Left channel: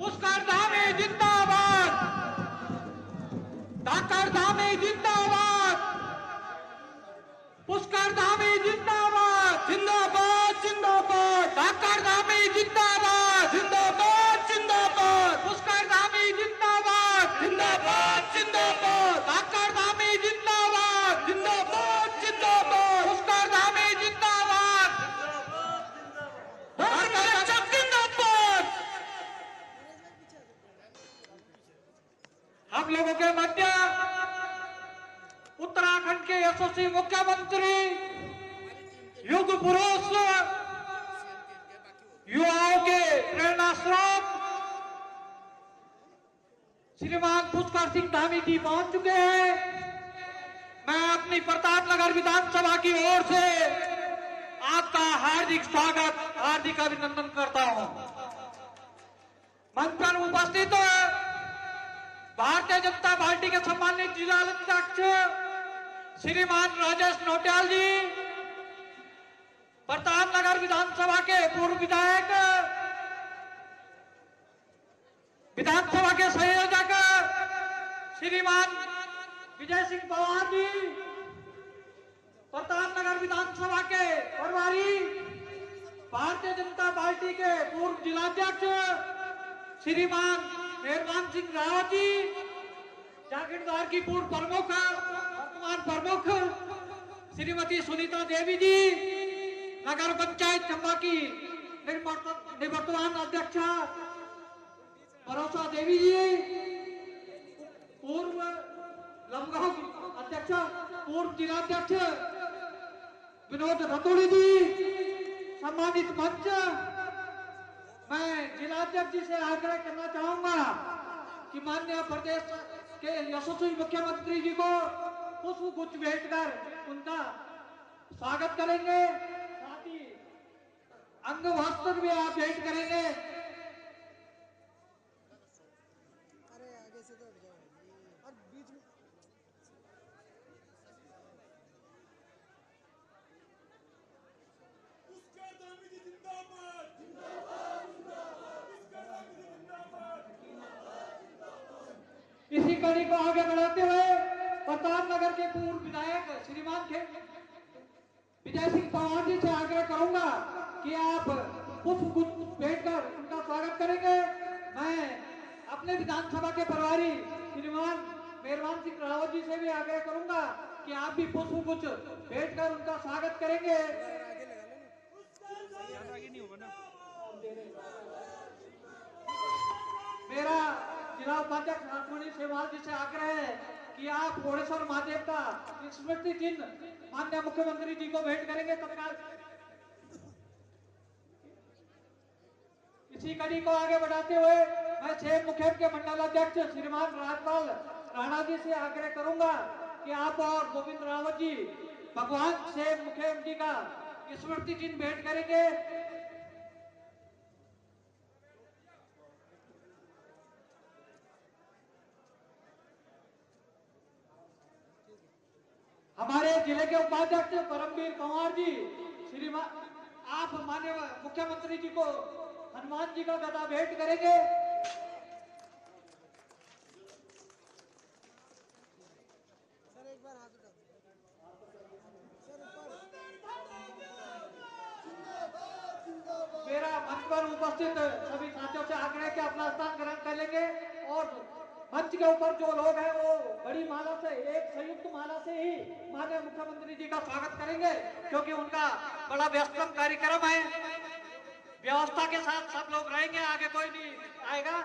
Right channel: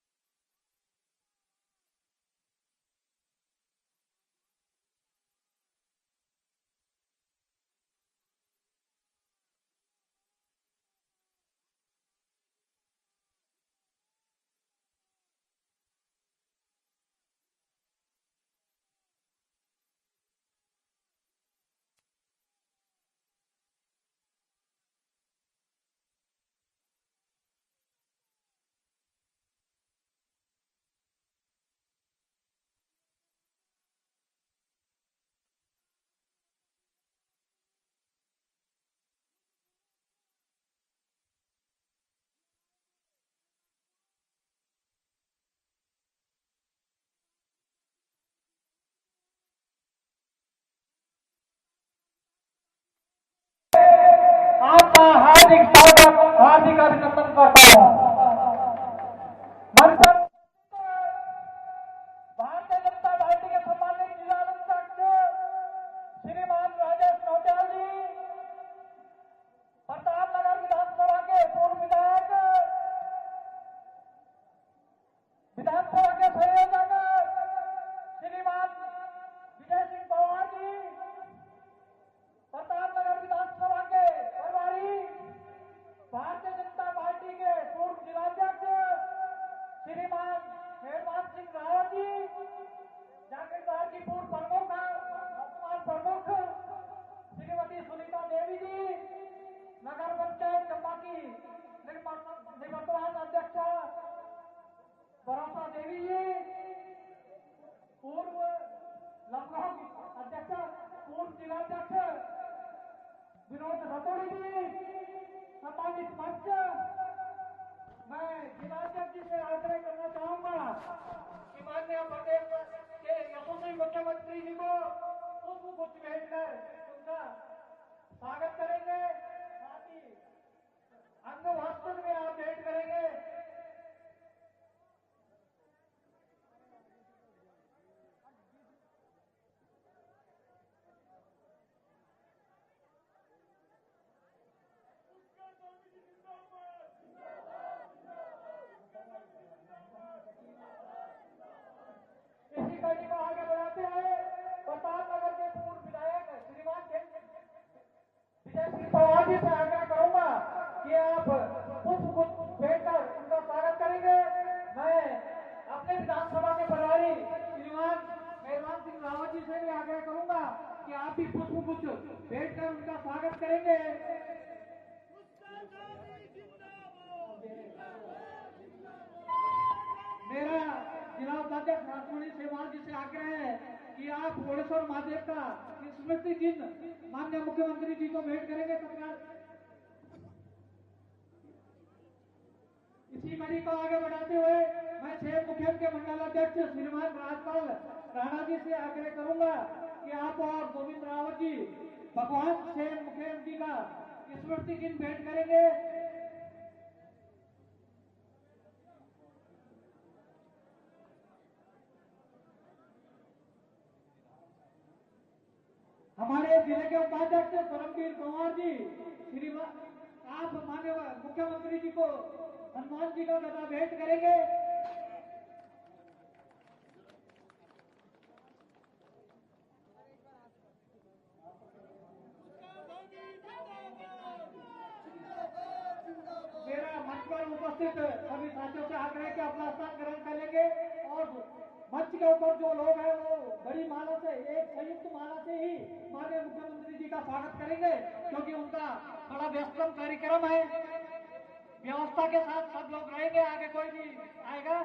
पुष्कर धामी जिंदाबाद, धाकड़ धामी जिंदाबाद, पुष्कर धामी जिंदाबाद, जिंदाबाद जिंदाबाद, धाकड़ धामी जिंदाबाद, जिंदाबाद जिंदाबाद, पुष्कर धामी जिंदाबाद, जिंदाबाद जिंदाबाद, धाकड़ धामी जिंदाबाद, जिंदाबाद जिंदाबाद, पुष्कर धामी जिंदाबाद, धाकड़ जिंदाबाद। हम लोगों के मध्य उत्तराखंड के यशस्वी मुख्यमंत्री, युग पुरुष, युवाओं के प्रेरणा स्रोत श्रीमान पुष्कर सिंह धामी जी पहुंच चुके हैं। मैं अपनी प्रतापनगर विधानसभा की ओर से आपका हार्दिक स्वागत, हार्दिक अभिनंदन करता हूं। मंच पर उपस्थित भारतीय जनता पार्टी के सम्मानित जिला अध्यक्ष श्रीमान राजेश नौटियाल जी, प्रतापनगर विधानसभा के पूर्व विधायक, विधानसभा के संयोजक श्रीमान विजय सिंह पवार जी, प्रतापनगर विधानसभा के प्रभारी, भारतीय जनता पार्टी के पूर्व जिलाध्यक्ष श्रीमान मेहरबान सिंह रावत जी, जागीरदार की पूर्व प्रमुख प्रमुख श्रीमती सुनीता देवी जी, नगर पंचायत चंबा की निवर्तमान अध्यक्ष भरोसा देवी जी, पूर्व लमगांव अध्यक्ष, पूर्व जिलाध्यक्ष विनोद रतोड़ी जी, सम्मानित मंच। मैं जिलाध्यक्ष जी से आग्रह करना चाहूंगा कि माननीय प्रदेश के यशस्वी मुख्यमंत्री जी को पुष्प गुच्छ भेंट कर उनका स्वागत करेंगे, साथ ही अंग वस्त्र भी आप भेंट करेंगे। इसी कड़ी को आगे बढ़ाते हुए प्रतापनगर के पूर्व विधायक श्रीमान विजय सिंह पवार जी से आग्रह करूंगा कि आप पुष्प गुच्छ भेंट कर उनका स्वागत करेंगे। मैं अपने विधानसभा के प्रभारी श्रीमान मेहरबान सिंह रावत जी से भी आग्रह करूंगा कि आप भी पुष्प गुच्छ भेंट कर उनका स्वागत करेंगे। मेरा जिला उपाध्यक्ष सेवाल जी से आग्रह है कि आप ओडेश्वर महादेव का स्मृति चिन्ह माननीय मुख्यमंत्री जी को भेंट करेंगे तत्काल। इसी कड़ी को आगे बढ़ाते हुए मैं शेर मुखेम के मंडल अध्यक्ष श्रीमान राजपाल राणा जी से आग्रह करूंगा कि आप और गोविंद रावत जी भगवान शेर मुखेम जी का स्मृति चिन्ह भेंट करेंगे। हमारे जिले के उपाध्यक्ष परमवीर पवार जी, श्रीमान आप माननीय मुख्यमंत्री जी को हनुमान जी का गदा भेंट करेंगे। मेरा मंच पर उपस्थित सभी साथियों से आग्रह है कि अपना स्थान ग्रहण कर लेंगे और मंच के ऊपर जो लोग हैं वो बड़ी माला से, एक संयुक्त माला से ही माननीय मुख्यमंत्री जी का स्वागत करेंगे, क्योंकि उनका बड़ा व्यस्तम कार्यक्रम है। व्यवस्था के साथ सब लोग रहेंगे, आगे कोई नहीं आएगा।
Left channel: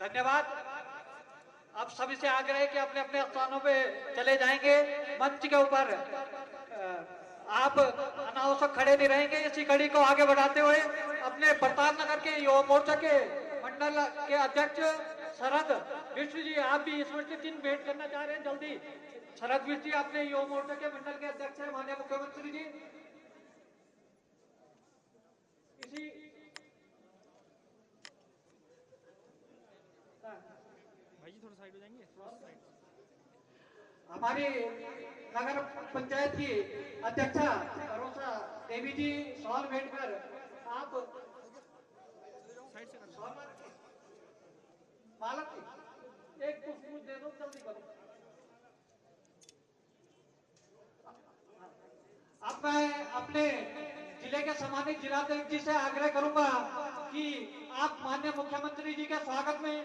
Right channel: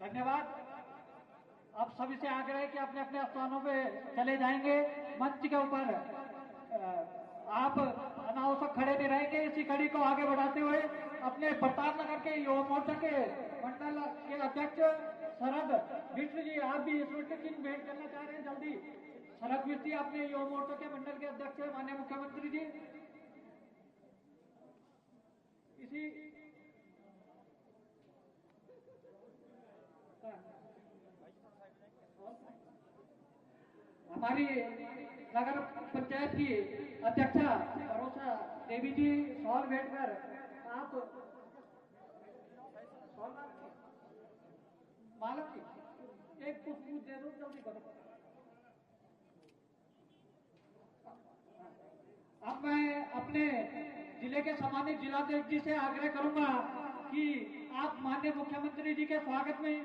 धन्यवाद। अब सभी से आग्रह है कि अपने अपने स्थानों पे चले जाएंगे। मंच के ऊपर आप अनावश्यक खड़े नहीं रहेंगे। इसी कड़ी को आगे बढ़ाते हुए अपने प्रतापनगर के युवा मोर्चा के मंडल के अध्यक्ष शरद विष्णु जी, आप भी स्मृति चिन्ह भेंट करना चाह रहे हैं जल्दी। शरद विष्णु जी अपने युवा मोर्चा के मंडल के अध्यक्ष है माननीय मुख्यमंत्री जी। हमारी नगर पंचायत की अध्यक्षा भरोसा देवी जी सॉल बैठकर आप मालक की एक पुष्प दे दो, जल्दी करो। अब मैं अपने जिले के सम्मानित जिलाध्यक्ष जी से आग्रह करूंगा कि आप माननीय मुख्यमंत्री जी के स्वागत में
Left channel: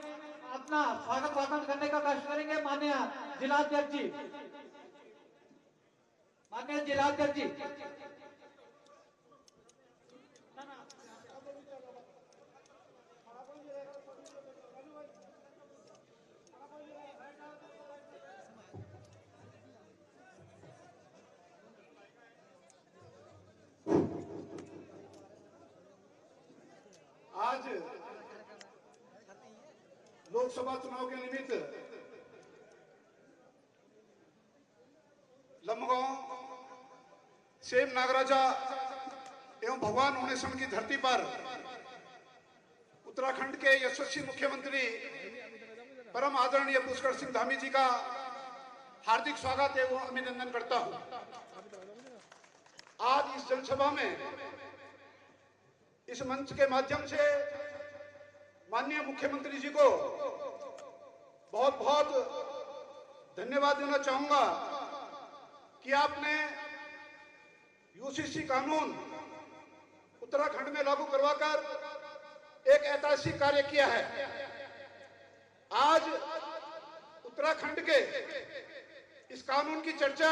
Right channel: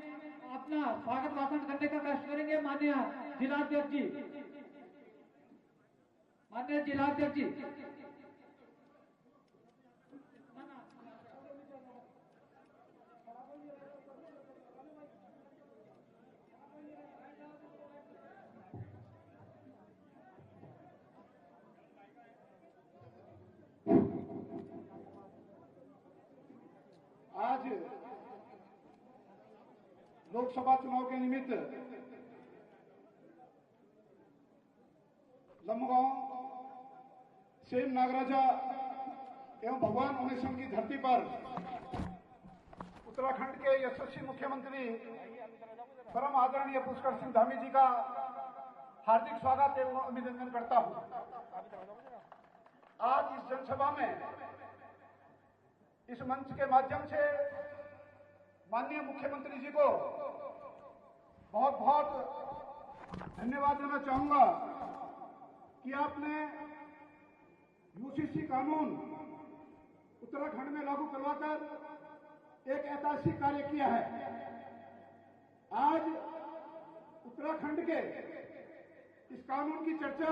अपना स्वागत भाषण करने का कष्ट करेंगे। माननीय जिलाध्यक्ष जी, माननीय जिलाध्यक्ष जी। आज लोकसभा चुनाव के निमित्त लंबगांव सेम नागराजा एवं भगवान उनेशन की धरती पर उत्तराखंड के यशस्वी मुख्यमंत्री परम आदरणीय पुष्कर सिंह धामी जी का हार्दिक स्वागत एवं अभिनंदन करता हूं। आज इस जनसभा में इस मंच के माध्यम से माननीय मुख्यमंत्री जी को बहुत बहुत धन्यवाद देना चाहूंगा कि आपने यूसीसी कानून उत्तराखंड में लागू करवाकर एक ऐतिहासिक कार्य किया है। आज उत्तराखंड के इस कानून की चर्चा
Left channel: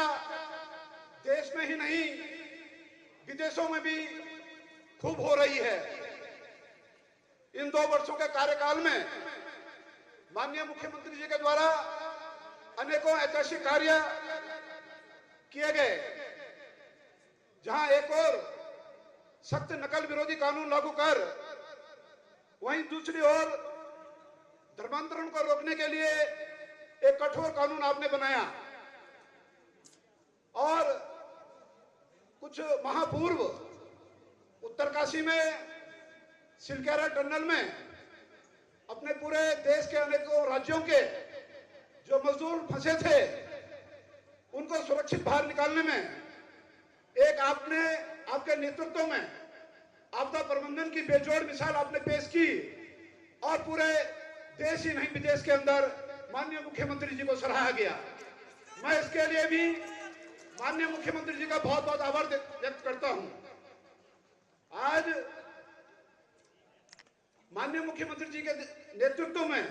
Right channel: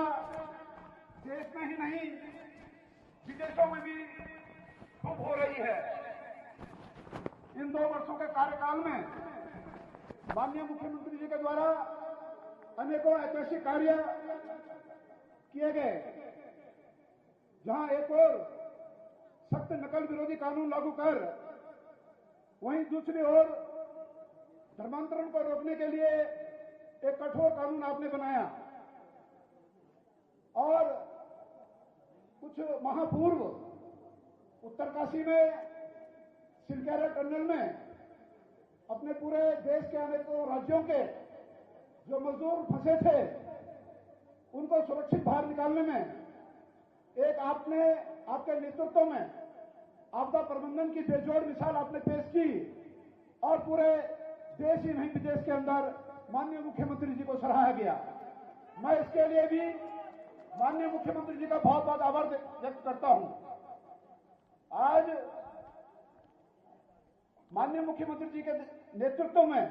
देश में ही नहीं विदेशों में भी खूब हो रही है। इन 2 वर्षों के कार्यकाल में माननीय मुख्यमंत्री जी के द्वारा अनेकों ऐतिहासिक कार्य किए गए, जहां एक और सख्त नकल विरोधी कानून लागू कर वहीं दूसरी ओर धर्मांतरण को रोकने के लिए एक कठोर कानून आपने बनाया और कुछ महापूर्व उत्तरकाशी में सिलकेरा टनल में अपने पूरे देश के अनेकों राज्यों के जो मजदूर फंसे थे उनको सुरक्षित बाहर निकालने में एक आपने आपके नेतृत्व में आपदा प्रबंधन की बेजोड़ मिसाल आपने पेश की और पूरे देश ही नहीं विदेश के अंदर माननीय मुख्यमंत्री जी को सराहा गया। मैं इसके लिए भी माननीय मुख्यमंत्री जी का बहुत बहुत आभार व्यक्त करता हूं। आज माननीय मुख्यमंत्री जी के नेतृत्व में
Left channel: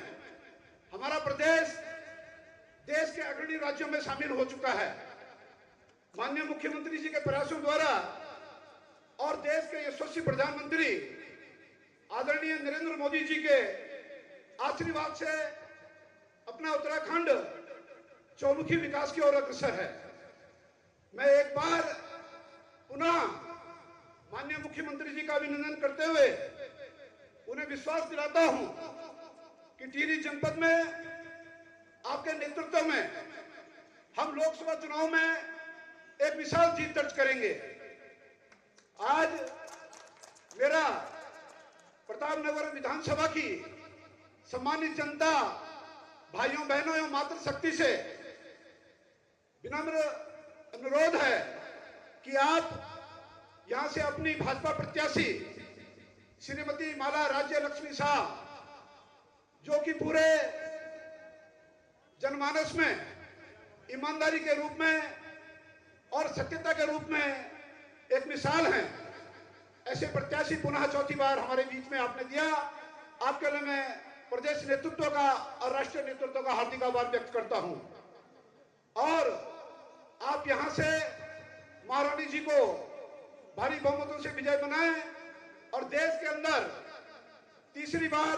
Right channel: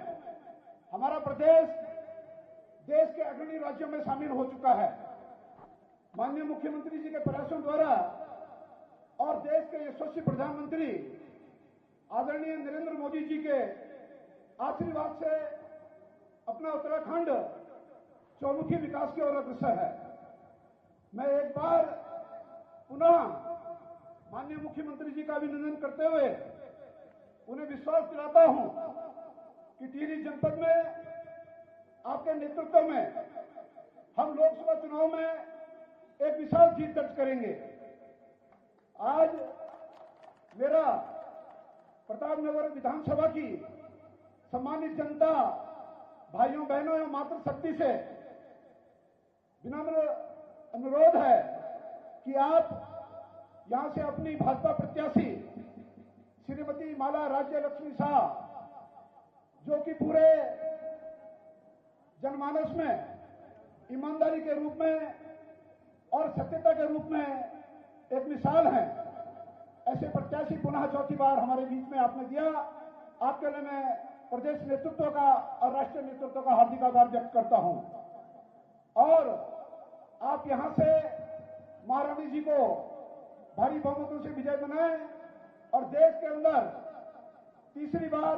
हमारा प्रदेश देश के अग्रणी राज्यों में शामिल हो चुका है। माननीय मुख्यमंत्री जी के प्रयासों द्वारा और देश के यशस्वी प्रधानमंत्री आदरणीय नरेंद्र मोदी जी के आशीर्वाद से अपना उत्तराखंड चौमुखी विकास की ओर अग्रसर है। मैं एक बार पुनः माननीय मुख्यमंत्री जी का अभिनंदन करते हुए उन्हें विश्वास दिलाता हूं कि टिहरी जनपद में आपके नेतृत्व में हम लोकसभा चुनाव में एक विशाल जीत दर्ज करेंगे। आज मेरा प्रतापनगर विधानसभा की सम्मानित जनता, भाइयों बहनों एवं मातृशक्ति से विनम्र अनुरोध है कि आप यहां से अपनी भाजपा प्रत्याशी श्रीमती माला राज्य लक्ष्मी शाह, जो कि पूरे जनमानस में ईमानदारी के रूप में और सत्यता के रूप में एक मिसाल है, ऐसे प्रत्याशी पुनः चौथी बार हमारे बीच में आपने दिया। आपके लिए मैं प्रदेश नेतृत्व का और राष्ट्रीय नेतृत्व का हार्दिक आभार व्यक्त करता हूं और आप यहां से महारानी जी को भारी बहुमतों से विजय बनाएं और देश के अंदर तीसरी बार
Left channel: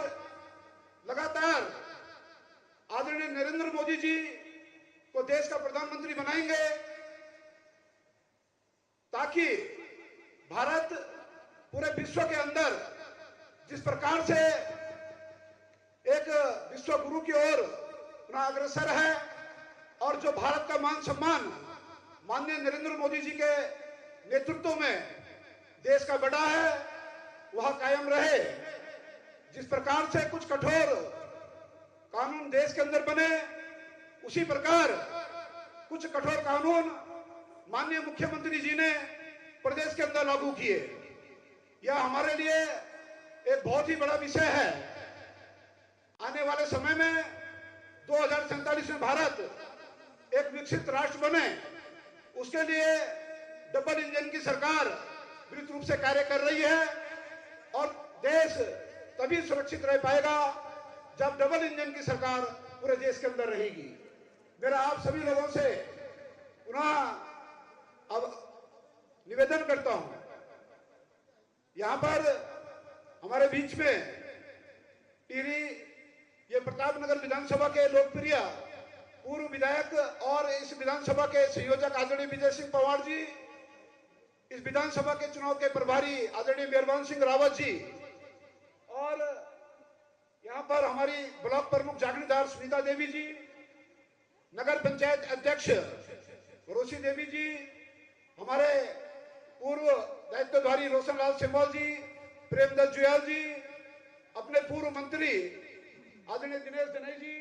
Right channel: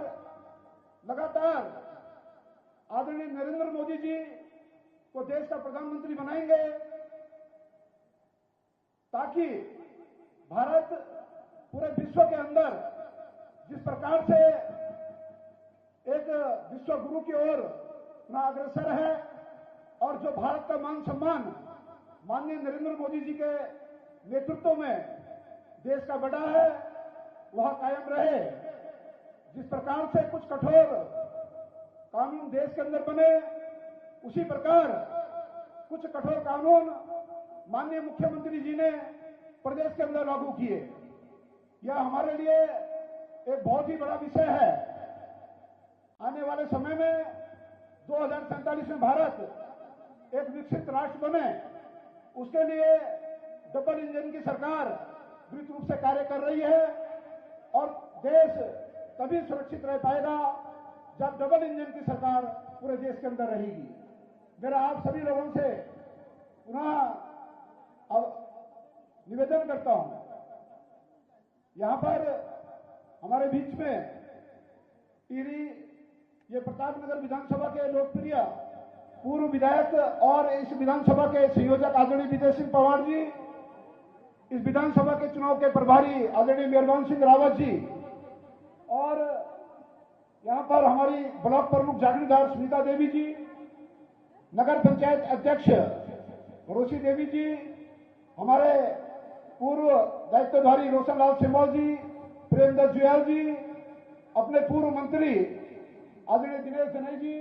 लगातार आदरणीय नरेंद्र मोदी जी को देश का प्रधानमंत्री बनाएंगे, ताकि भारत पूरे विश्व के अंदर जिस प्रकार से एक विश्व गुरु की ओर अपना अग्रसर है और जो भारत का मान सम्मान माननीय नरेंद्र मोदी जी के नेतृत्व में देश का बढ़ा है, वह कायम रहे। जिस प्रकार से कुछ कठोर कानून देश के अंदर बने, उसी प्रकार कुछ कठोर कानून माननीय मुख्यमंत्री जी ने प्रदेश के अंदर लागू किए। यह हमारे लिए एक बहुत ही बड़ा विषय है। आने वाले समय में 2047 में भारत एक विकसित राष्ट्र बने, उसके लिए डबल इंजन की सरकार विस्तृत रूप से कार्य कर रही है और देश तभी सुरक्षित रह पाएगा जब डबल इंजन की सरकार पूरे देश के अंदर रहेगी। मेरा आप सभी लोगों से पुनः अब निवेदन करता हूं, यहां पर हमारे बीच में टिहरी ये प्रतापनगर विधानसभा के लोकप्रिय पूर्व विधायक और इस विधानसभा के संयोजक आदरणीय विजय सिंह पंवार जी, इस विधानसभा के चुनाव के प्रभारी आदरणीय मेहरबान सिंह रावत जी, और यहां पर हमारी ब्लॉक प्रमुख जागीरदार सुनीता देवी जी, नगर पंचायत अध्यक्ष रोशी देवी जी, हमारे पूर्व दायित्वधारी रोशनलाल सिंहवाल जी, प्रेमदत्त जुयाल जी, अपने पूर्व मंत्री आदरणीय दिनेश जनेई जी,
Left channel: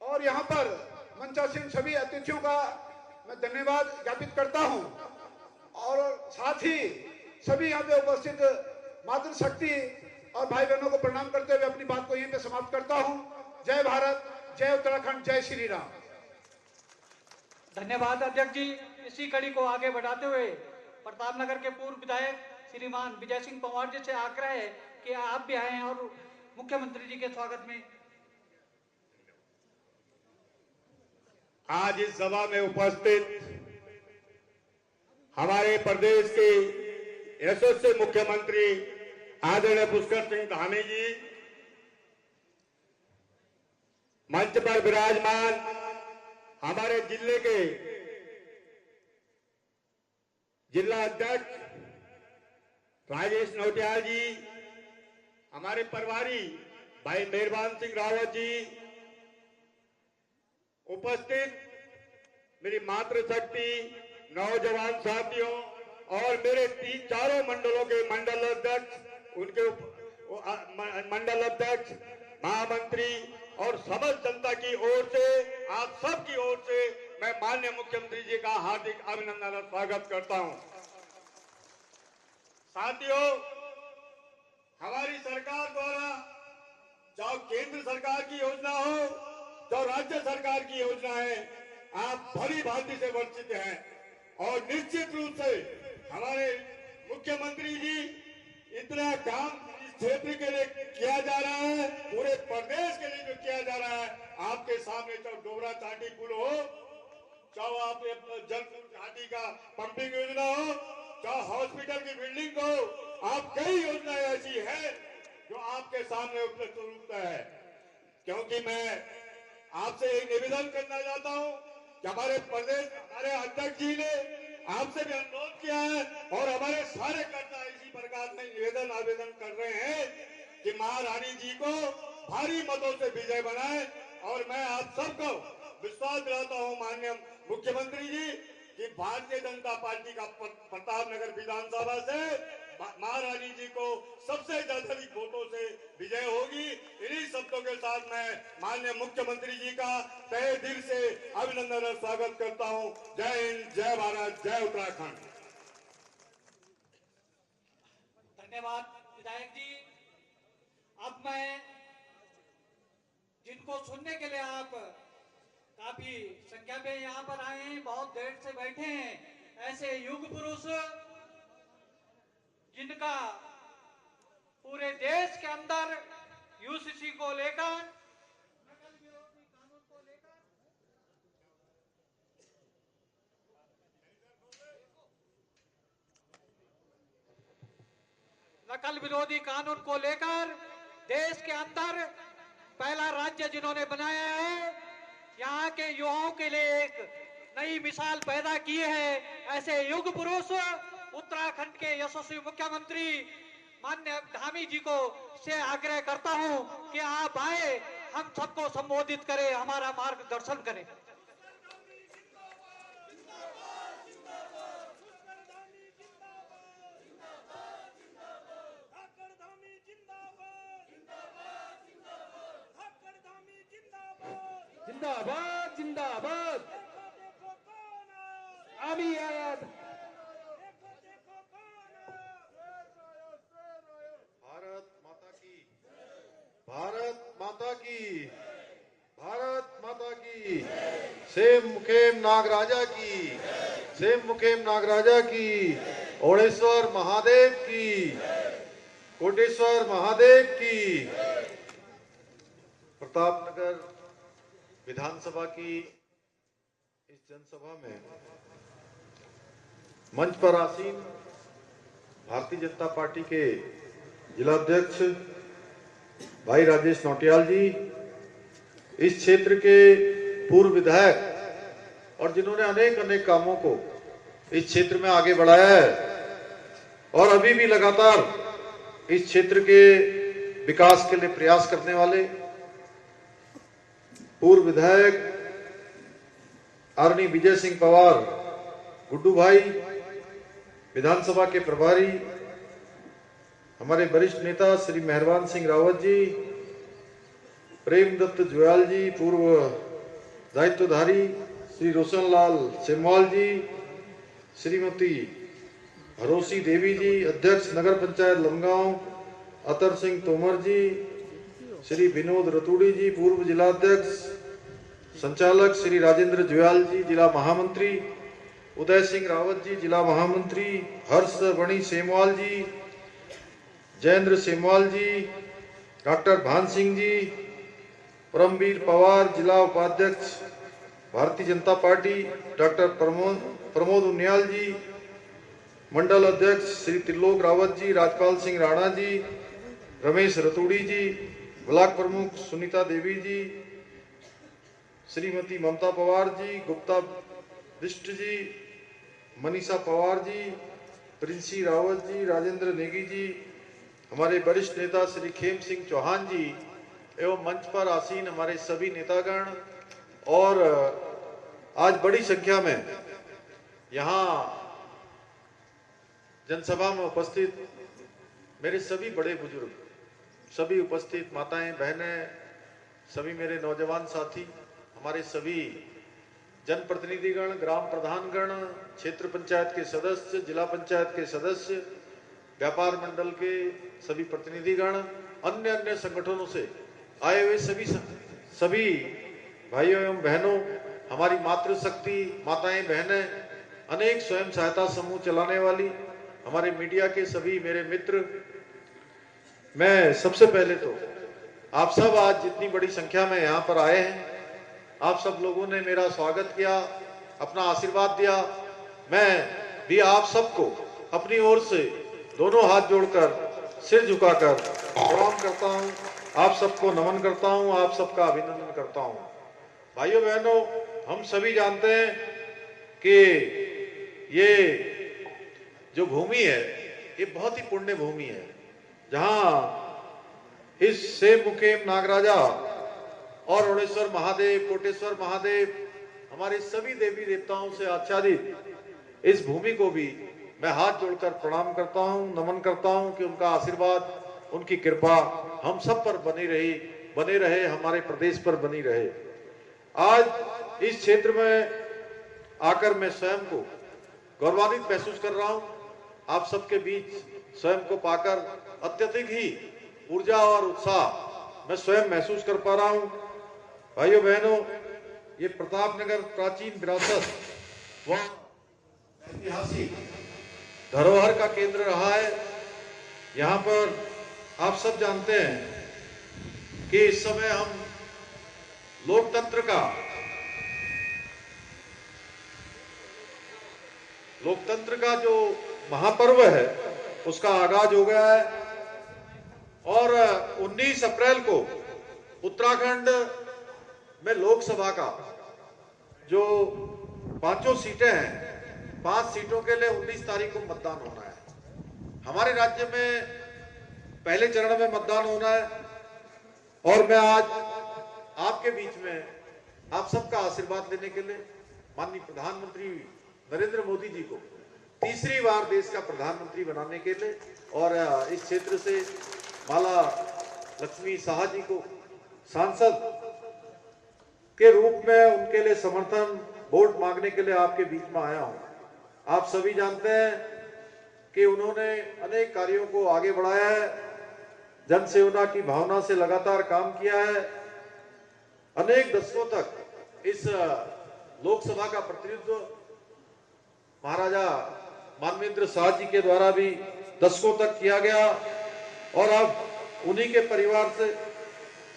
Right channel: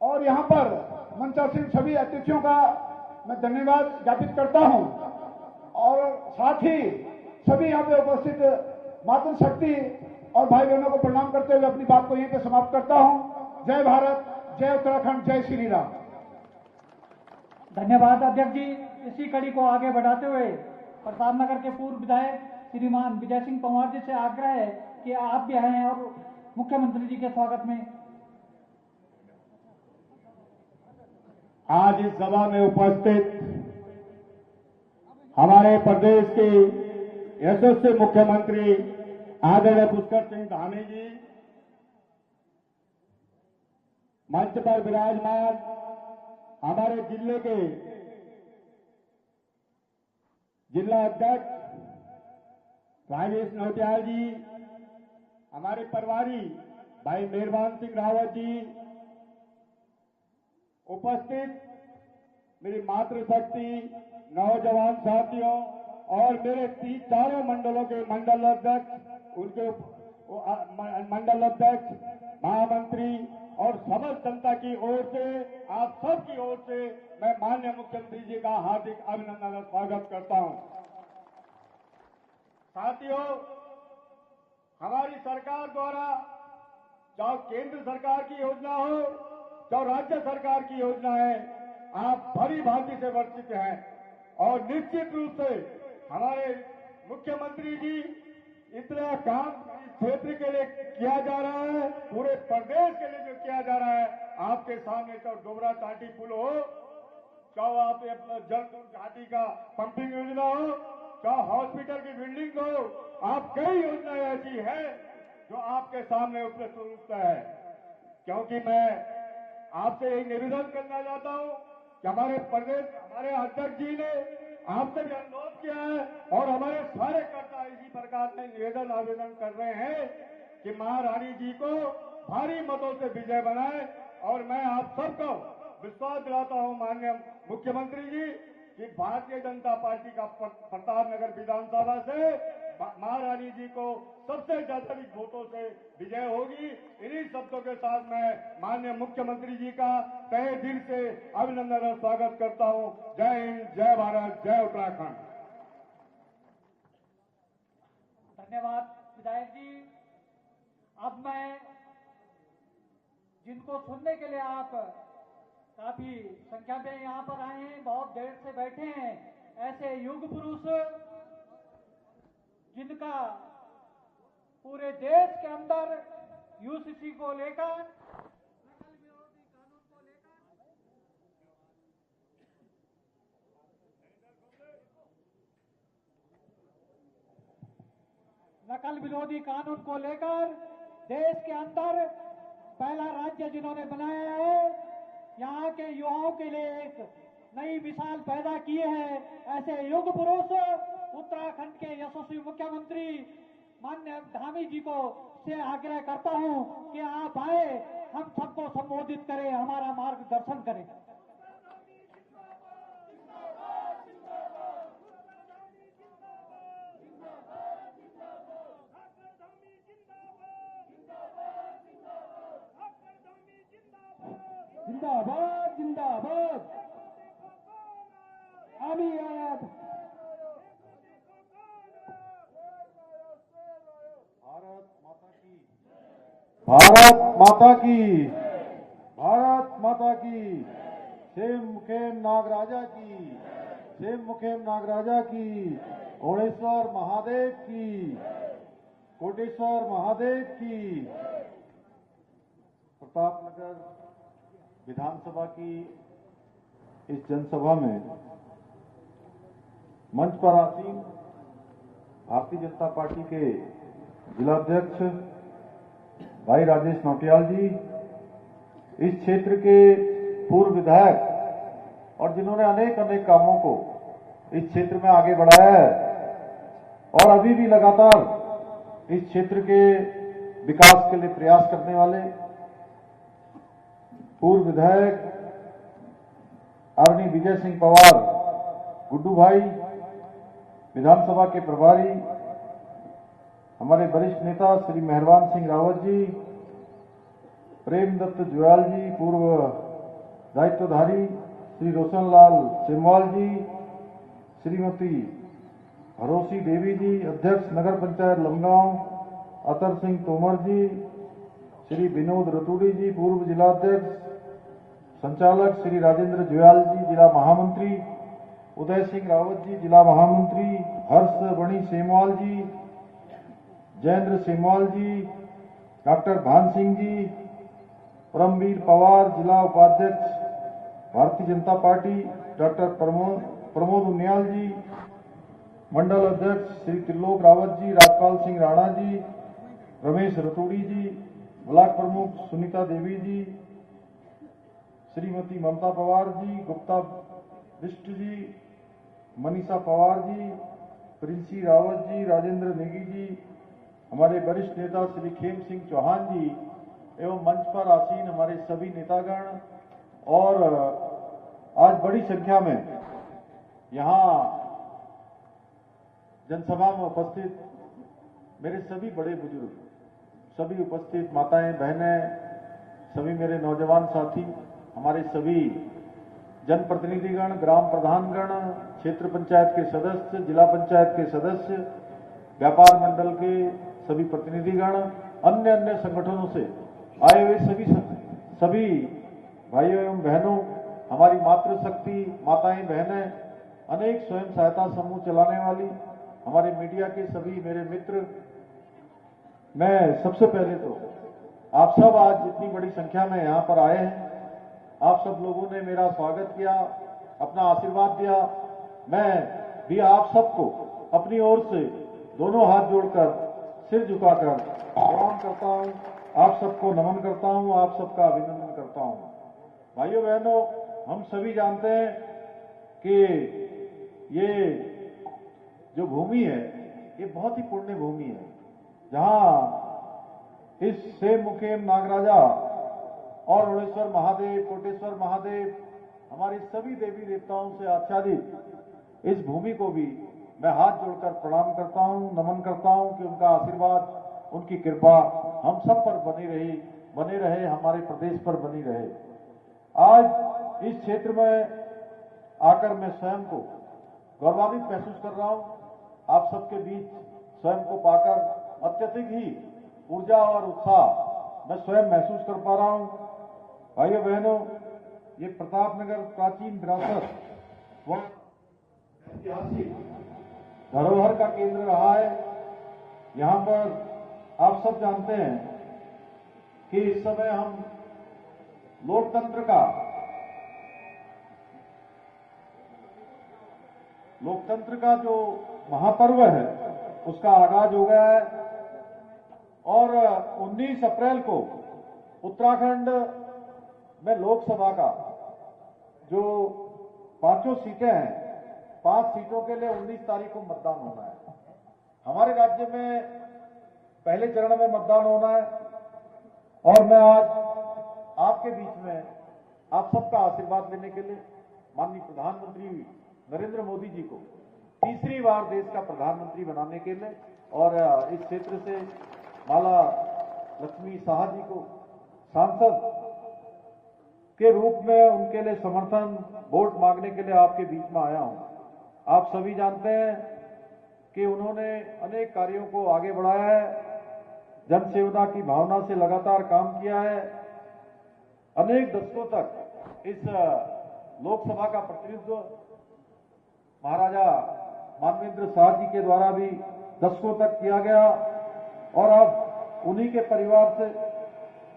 और यहां पर मंचासीन सभी अतिथियों का मैं धन्यवाद ज्ञापित करता हूं। और साथ ही सभी यहां पे उपस्थित मातृशक्ति और भाई बहनों को प्रणाम करते हुए अपनी बात को यहीं पे समाप्त करता हूं। जय भारत, जय उत्तराखंड, जय श्री राम। धन्यवाद अध्यक्ष जी। इसी कड़ी को आगे बढ़ाते हुए प्रतापनगर के पूर्व विधायक श्रीमान विजय सिंह पंवार जी से आग्रह है कि आप भी आए और मुख्यमंत्री जी के स्वागत में। आज इस सभा में उपस्थित हमारे प्रदेश के यशस्वी मुख्यमंत्री आदरणीय पुष्कर सिंह धामी जी, मंच पर विराजमान हमारे जिले के जिला अध्यक्ष राजेश नौटियाल जी, हमारे प्रभारी भाई मेहरबान सिंह रावत जी, उपस्थित मेरी मातृशक्ति नौजवान साथियों और मेरे चारों मंडलों के मंडल अध्यक्ष, उनके मंडल अध्यक्ष, महामंत्री और समस्त जनता की ओर से, आप सब की ओर से मैं माननीय मुख्यमंत्री जी का हार्दिक अभिनंदन और स्वागत करता हूं। साथियों, हमारी सरकार द्वारा चाहे केंद्र सरकार की योजना हो चाहे राज्य सरकार की योजना है, आप भली भांति से परिचित हैं और निश्चित रूप से हमारे मुख्यमंत्री जी इतना काम इस क्षेत्र के लिए किया जा रहा है, पूरे प्रदेश के लिए जो किया जा रहा है, आपके सामने चाहे डोबरा चाटी पुल हो, चाहे आप जलपुर घाटी का पंपिंग योजना हो, चाहे हॉस्पिटल की बिल्डिंग हो, आप कई योजनाएं ऐसी है जो आपके सामने उपलब्ध रूप है। क्योंकि मैं आपसे यही निवेदन करना चाहता हूं कि हमारे प्रदेश, हमारे अध्यक्ष जी ने आपसे भी अनुरोध किया है और हमारे सारे कर्ता इसी प्रकार से निवेदन आवेदन कर रहे हैं कि महारानी जी को भारी मतों से विजय बनाए। और मैं आप सबको विश्वास दिलाता हूं माननीय मुख्यमंत्री जी कि भारतीय जनता पार्टी का प्रतापनगर विधानसभा से महारानी जी को सबसे ज्यादा वोटों से विजय होगी। इन्हीं शब्दों के साथ मैं माननीय मुख्यमंत्री जी का तहे दिल से अभिनंदन और स्वागत करता हूं। जय हिंद, जय भारत, जय उत्तराखंड। धन्यवाद विधायक जी। अब मैं जिनको सुनने के लिए आप काफी संख्या में यहाँ पर आए हैं, बहुत देर से बैठे हैं, ऐसे युग पुरुष जिनका पूरे देश के अंदर यूसीसी को लेकर, नकल विरोधी कानून को लेकर देश के अंदर पहला राज्य जिन्होंने बनाया है, यहाँ के युवाओं के लिए एक नई मिसाल पैदा की है, ऐसे युग पुरुष उत्तराखंड के यशस्वी मुख्यमंत्री माननीय धामी जी को से आग्रह करता हूं कि आप आए, हम सबको संबोधित करें, हमारा मार्गदर्शन करें। जिंदाबाद जिंदाबाद। भारत माता की, भारत माता की। सेम मुखेम नागराजा की, सेम मुखेम नागराजा की। ओणेश्वर महादेव की, कोटेश्वर महादेव की। प्रतापनगर विधानसभा की इस जनसभा में मंच पर आसीन भारतीय जनता पार्टी के जिलाध्यक्ष भाई राजेश नौटियाल जी, इस क्षेत्र के पूर्व विधायक और जिन्होंने अनेक अनेक कामों को इस क्षेत्र में आगे बढ़ाया है और अभी भी लगातार इस क्षेत्र के विकास के लिए प्रयास करने वाले पूर्व विधायक आदरणीय विजय सिंह पवार गुड्डू भाई, विधानसभा के प्रभारी हमारे वरिष्ठ नेता श्री मेहरबान सिंह रावत जी, प्रेमदत्त जुयाल जी, पूर्व दायित्वधारी श्री रोशनलाल सेमवाल जी, श्रीमती भरोसी देवी जी, अध्यक्ष नगर पंचायत लमगांव अतर सिंह तोमर जी, श्री विनोद रतूड़ी जी, पूर्व जिलाध्यक्ष संचालक श्री राजेंद्र जुयाल जी, जिला महामंत्री उदय सिंह रावत जी, जिला महामंत्री हर्ष वणी सेमवाल जी, जयेंद्र सेमवाल जी, डॉक्टर भान सिंह जी, परमवीर पवार, जिला उपाध्यक्ष भारतीय जनता पार्टी डॉक्टर प्रमोद उनियाल जी, मंडल अध्यक्ष श्री त्रिलोक रावत जी, राजपाल सिंह राणा जी, रमेश रतूड़ी जी, ब्लॉक प्रमुख सुनीता देवी जी, श्रीमती ममता पवार जी, गुप्ता बिष्ट जी, मनीषा पवार जी, प्रिंसी रावत जी, राजेंद्र नेगी जी, हमारे वरिष्ठ नेता श्री खेम सिंह चौहान जी एवं मंच पर आसीन हमारे सभी नेतागण और आज बड़ी संख्या में यहाँ जनसभा में उपस्थित मेरे सभी बड़े बुजुर्ग, सभी उपस्थित माताएं बहनें, सभी मेरे नौजवान साथी, हमारे सभी जनप्रतिनिधिगण, ग्राम प्रधानगण, क्षेत्र पंचायत के सदस्य, जिला पंचायत के सदस्य, व्यापार मंडल के सभी प्रतिनिधिगण, अन्य अन्य संगठनों से आए हुए सभी भाइयों एवं बहनों, हमारी मातृशक्ति माताएं बहनें, अनेक स्वयं सहायता समूह चलाने वाली हमारे मीडिया के सभी मेरे मित्र, मैं सबसे पहले तो आप सब आज जितनी बड़ी संख्या में यहाँ पर आए हैं, आप सब लोगों ने मेरा स्वागत किया, अपना आशीर्वाद दिया। मैं भी आप सबको अपनी ओर से दोनों हाथ जोड़कर सिर झुकाकर प्रणाम करता हूं, आप सबको नमन करता हूं, आप सबका अभिनंदन करता हूं। भाइयों बहनों, हम सभी जानते हैं कि ये जो भूमि है ये बहुत ही पुण्य भूमि है, जहां इस सेम मुखेम नागराजा और ओणेश्वर महादेव, कोटेश्वर महादेव, हमारे सभी देवी देवताओं से आच्छादित इस भूमि को भी मैं हाथ जोड़कर प्रणाम करता हूं, नमन करता हूं कि उनका आशीर्वाद, उनकी कृपा हम सब पर बने रहे, हमारे प्रदेश पर बनी रहे। आज इस क्षेत्र में आकर मैं स्वयं को गौरवान्वित महसूस कर रहा हूं। आप सबके बीच स्वयं को पाकर अत्यधिक ही ऊर्जा और उत्साह मैं स्वयं महसूस कर पा रहा हूं। भाइयों बहनों, ये प्रतापनगर प्राचीन विरासत व ऐतिहासिक धरोहर का केंद्र रहा है। यहाँ पर आप सब जानते हैं कि इस समय हम लोकतंत्र का जो महापर्व है उसका आगाज हो गया है और 19 अप्रैल को उत्तराखंड में लोकसभा का जो 5 सीटें हैं, 5 सीटों के लिए 19 तारीख को मतदान होना है। हमारे राज्य में पहले चरण में मतदान होना है और मैं आज आपके बीच में आप सबका आशीर्वाद लेने के लिए माननीय प्रधानमंत्री नरेंद्र मोदी जी को तीसरी बार देश का प्रधानमंत्री बनाने के लिए और इस क्षेत्र से माला लक्ष्मी शाह जी को सांसद के रूप में उनके लिए समर्थन वोट मांगने के लिए आपके बीच में आया हूं। आप सभी जानते हैं कि उन्होंने अनेक कार्यों को आगे बढ़ाया है। जन सेवना की भावना से लगातार काम किया है। अनेक दशकों तक इस लोकसभा का प्रतिनिधित्व महाराजा मानवेंद्र शाह जी के द्वारा भी दशकों तक किया गया और अब उन्हीं के परिवार से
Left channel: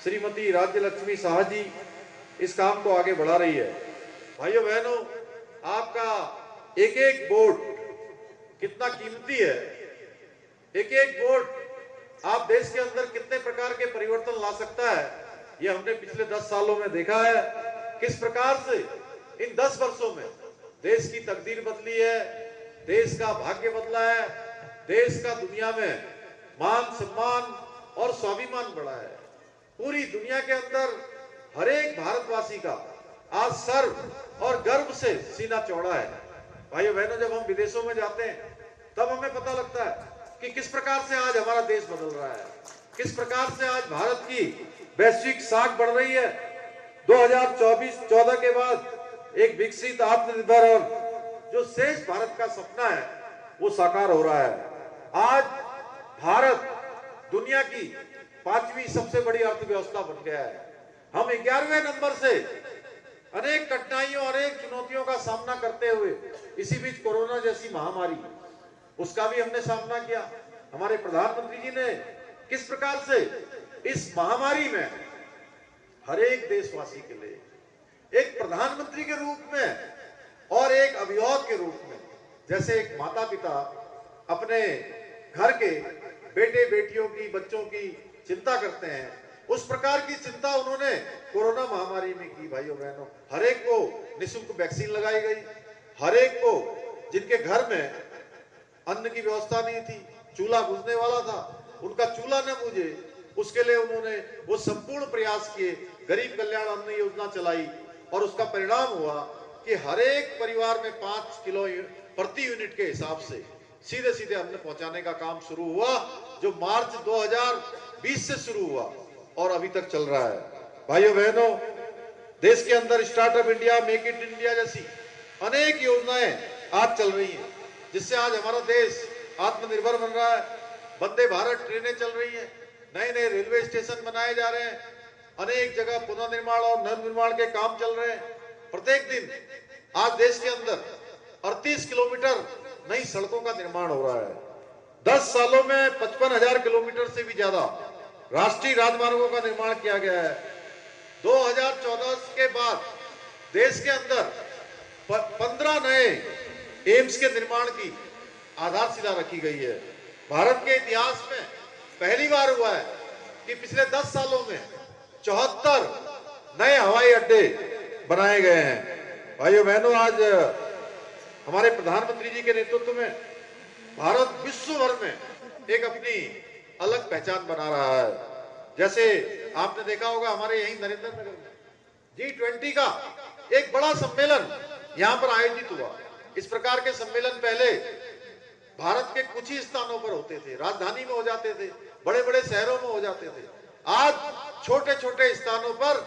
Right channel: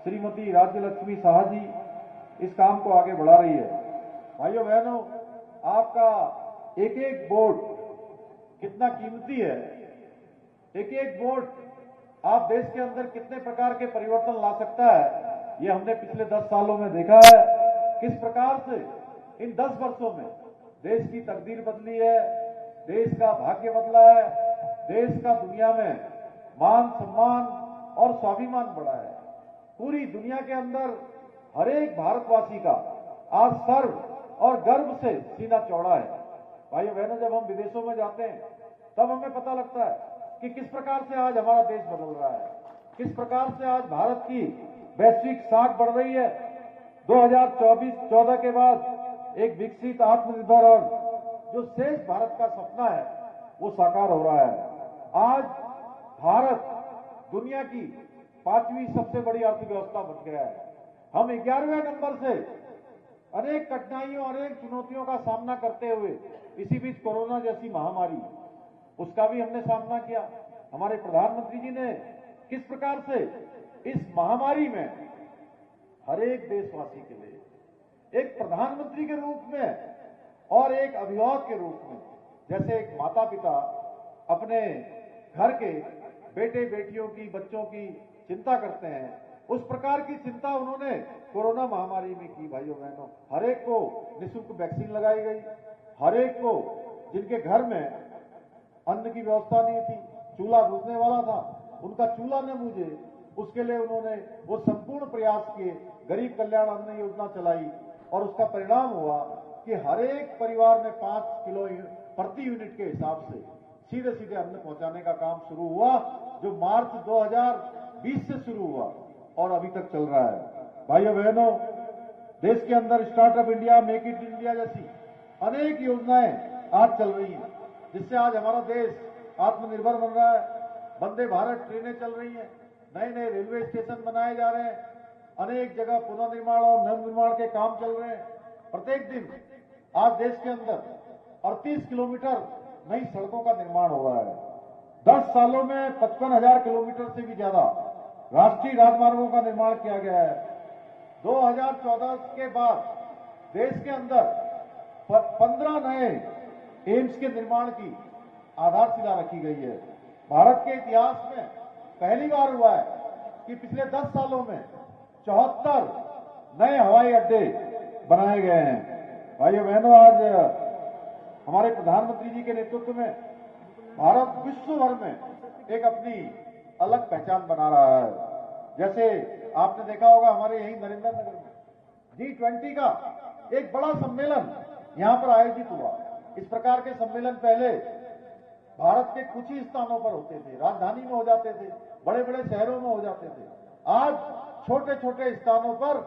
श्रीमती राज्य लक्ष्मी शाह जी इस काम को आगे बढ़ा रही है। भाइयों बहनों, आपका एक एक वोट कितना कीमती है। एक एक वोट आप देश के अंदर कितने प्रकार के परिवर्तन ला सकता है, यह हमने पिछले 10 सालों में देखा है। किस प्रकार से इन 10 वर्षों में देश की तकदीर बदली है, देश का भाग्य बदला है, देश का दुनिया में मान सम्मान और स्वाभिमान बढ़ा है। पूरी दुनिया के अंदर हर एक भारतवासी का आज सर्व और गर्व से सीना चौड़ा है। भाइयों बहनों, जब हम विदेशों में जाते हैं तब हमें पता लगता है कि किस प्रकार से आज हमारा देश बदल रहा है, किस प्रकार से आज भारत की वैश्विक साख बढ़ रही है। 2014 के बाद एक विकसित, आत्मनिर्भर और जो श्रेष्ठ भारत का सपना है वो साकार हो रहा है। आज भारत दुनिया की 5वीं सबसे बड़ी अर्थव्यवस्था बन गया है। हम 11वें नंबर से अनेक कठिनाइयों, अनेक चुनौतियों का सामना करते हुए इसी बीच कोरोना जैसी महामारी, उसका भी हमने सामना किया। हमारे प्रधानमंत्री जी ने किस प्रकार से इस महामारी में हर एक देशवासी के लिए एक प्रधानमंत्री के रूप में और एक अभिभावक के रूप में, जैसे एक माता पिता अपने घर के बेटे बेटियों की, बच्चों की चिंता करते हैं, उस प्रकार की चिंता उन्होंने कोरोना महामारी में की। भाइयों बहनों, हर एक को निःशुल्क वैक्सीन लगाई गई। हर एक को, जिनके घर में अन्न की व्यवस्था नहीं थी, चूल्हा बुझने वाला था, उनका चूल्हा न बुझे, उसके लिए उन्होंने वो संपूर्ण प्रयास किए। गरीब कल्याण अन्न योजना चलाई और उसका परिणाम हुआ कि हर एक परिवार में 5 किलो प्रति यूनिट के हिसाब से सीधे सीधे अन्न पहुंचाने का काम शुरू हुआ, जो मार्च 2020 से शुरू हुआ और अभी तक चल रहा है। भाइयों बहनों, देश के अंदर startup India, make in India जैसी अनेक योजनाएं आज चल रही हैं, जिससे आज हमारा देश आत्मनिर्भर बन रहा है। वंदे भारत ट्रेनें चल रही हैं, नए नए रेलवे स्टेशन बनाए जा रहे हैं, अनेक जगह पुनर्निर्माण और नवनिर्माण के काम चल रहे हैं। प्रत्येक दिन आज देश के अंदर 38 किलोमीटर नई सड़कों का निर्माण हो रहा है। 10 सालों में 55,000 किलोमीटर से भी ज्यादा राष्ट्रीय राजमार्गों का निर्माण किया गया है। 2014 के बाद देश के अंदर 15 नए एम्स के निर्माण की आधारशिला रखी गई है। भारत के इतिहास में पहली बार हुआ है कि पिछले 10 सालों में 74 नए हवाई अड्डे बनाए गए हैं। भाइयों बहनों, आज हमारे प्रधानमंत्री जी के नेतृत्व में भारत विश्व भर में एक अपनी अलग पहचान बना रहा है। जैसे आपने देखा होगा, हमारे यही नरेंद्र नगर में G20 का एक बड़ा सम्मेलन यहां पर आयोजित हुआ। इस प्रकार के सम्मेलन पहले भारत के कुछ ही स्थानों पर होते थे, राजधानी में हो जाते थे, बड़े बड़े शहरों में हो जाते थे। आज छोटे छोटे स्थानों पर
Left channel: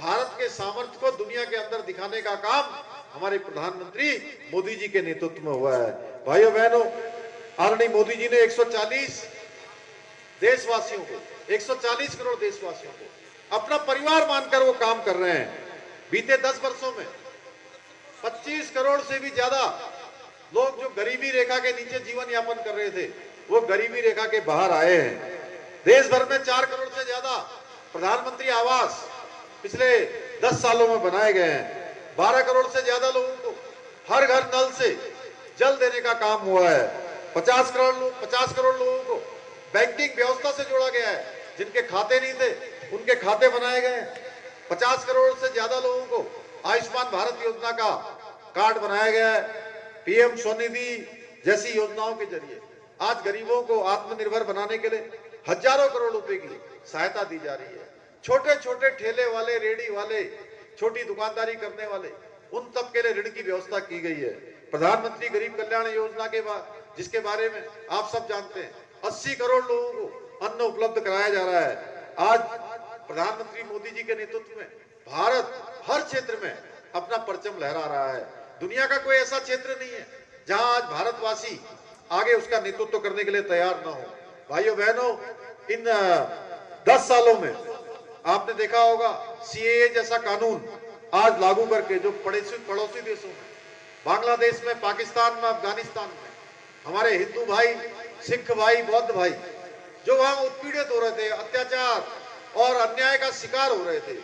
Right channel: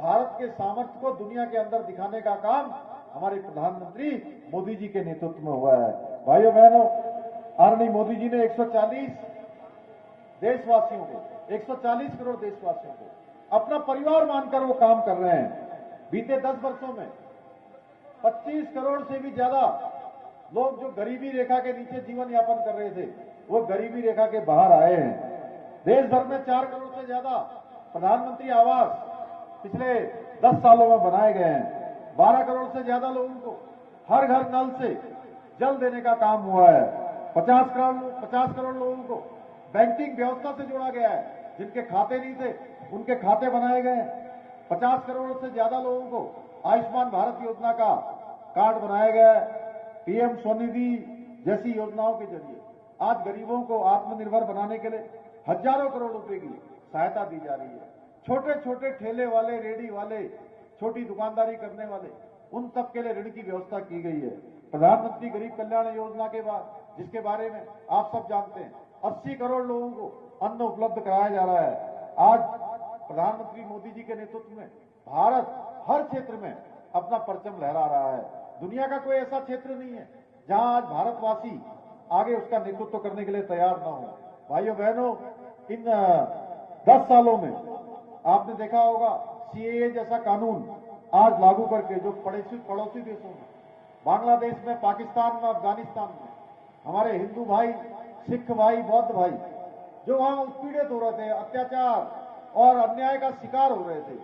भारत के सामर्थ्य को दुनिया के अंदर दिखाने का काम हमारे प्रधानमंत्री मोदी जी के नेतृत्व में हुआ है। भाइयों बहनों, आदरणीय मोदी जी ने 140 देशवासियों को, 140 करोड़ देशवासियों को अपना परिवार मानकर वो काम कर रहे हैं। बीते 10 वर्षों में 25 करोड़ से भी ज्यादा लोग जो गरीबी रेखा के नीचे जीवन यापन कर रहे थे, वो गरीबी रेखा के बाहर आए हैं। देश भर में 4 करोड़ से ज्यादा प्रधानमंत्री आवास पिछले 10 सालों में बनाए गए हैं। 12 करोड़ से ज्यादा लोगों को हर घर नल से जल देने का काम हुआ है। 50 करोड़ लोगों को बैंकिंग व्यवस्था से जोड़ा गया है। जिनके खाते नहीं थे, उनके खाते बनाए गए हैं। 50 करोड़ से ज्यादा लोगों को आयुष्मान भारत योजना का कार्ड बनाया गया है। पीएम स्वनिधि जैसी योजनाओं के जरिए आज गरीबों को आत्मनिर्भर बनाने के लिए हजारों करोड़ रुपए की सहायता दी जा रही है। छोटे छोटे ठेले वाले, रेडी वाले, छोटी दुकानदारी करने वाले, उन तक के लिए ऋण की व्यवस्था की गई है। प्रधानमंत्री गरीब कल्याण योजना के बाद, जिसके बारे में आप सब जानते हैं, 80 करोड़ लोगों को अन्न उपलब्ध कराया जा रहा है। आज प्रधानमंत्री मोदी जी के नेतृत्व में भारत हर क्षेत्र में अपना परचम लहरा रहा है। दुनिया का कोई ऐसा क्षेत्र नहीं है जहां आज भारतवासी आगे उसका नेतृत्व करने के लिए तैयार न हो। भाइयों बहनों, इन 10 सालों में आपने देखा होगा सीएए जैसा कानून आज लागू करके जो पड़ोसी देशों में, बांग्लादेश में, पाकिस्तान में, अफगानिस्तान में हमारे हिंदू भाई, सिख भाई, बौद्ध भाई जो वहां उत्पीड़ित हो रहे थे, अत्याचार और अन्याय का शिकार हो रहे थे,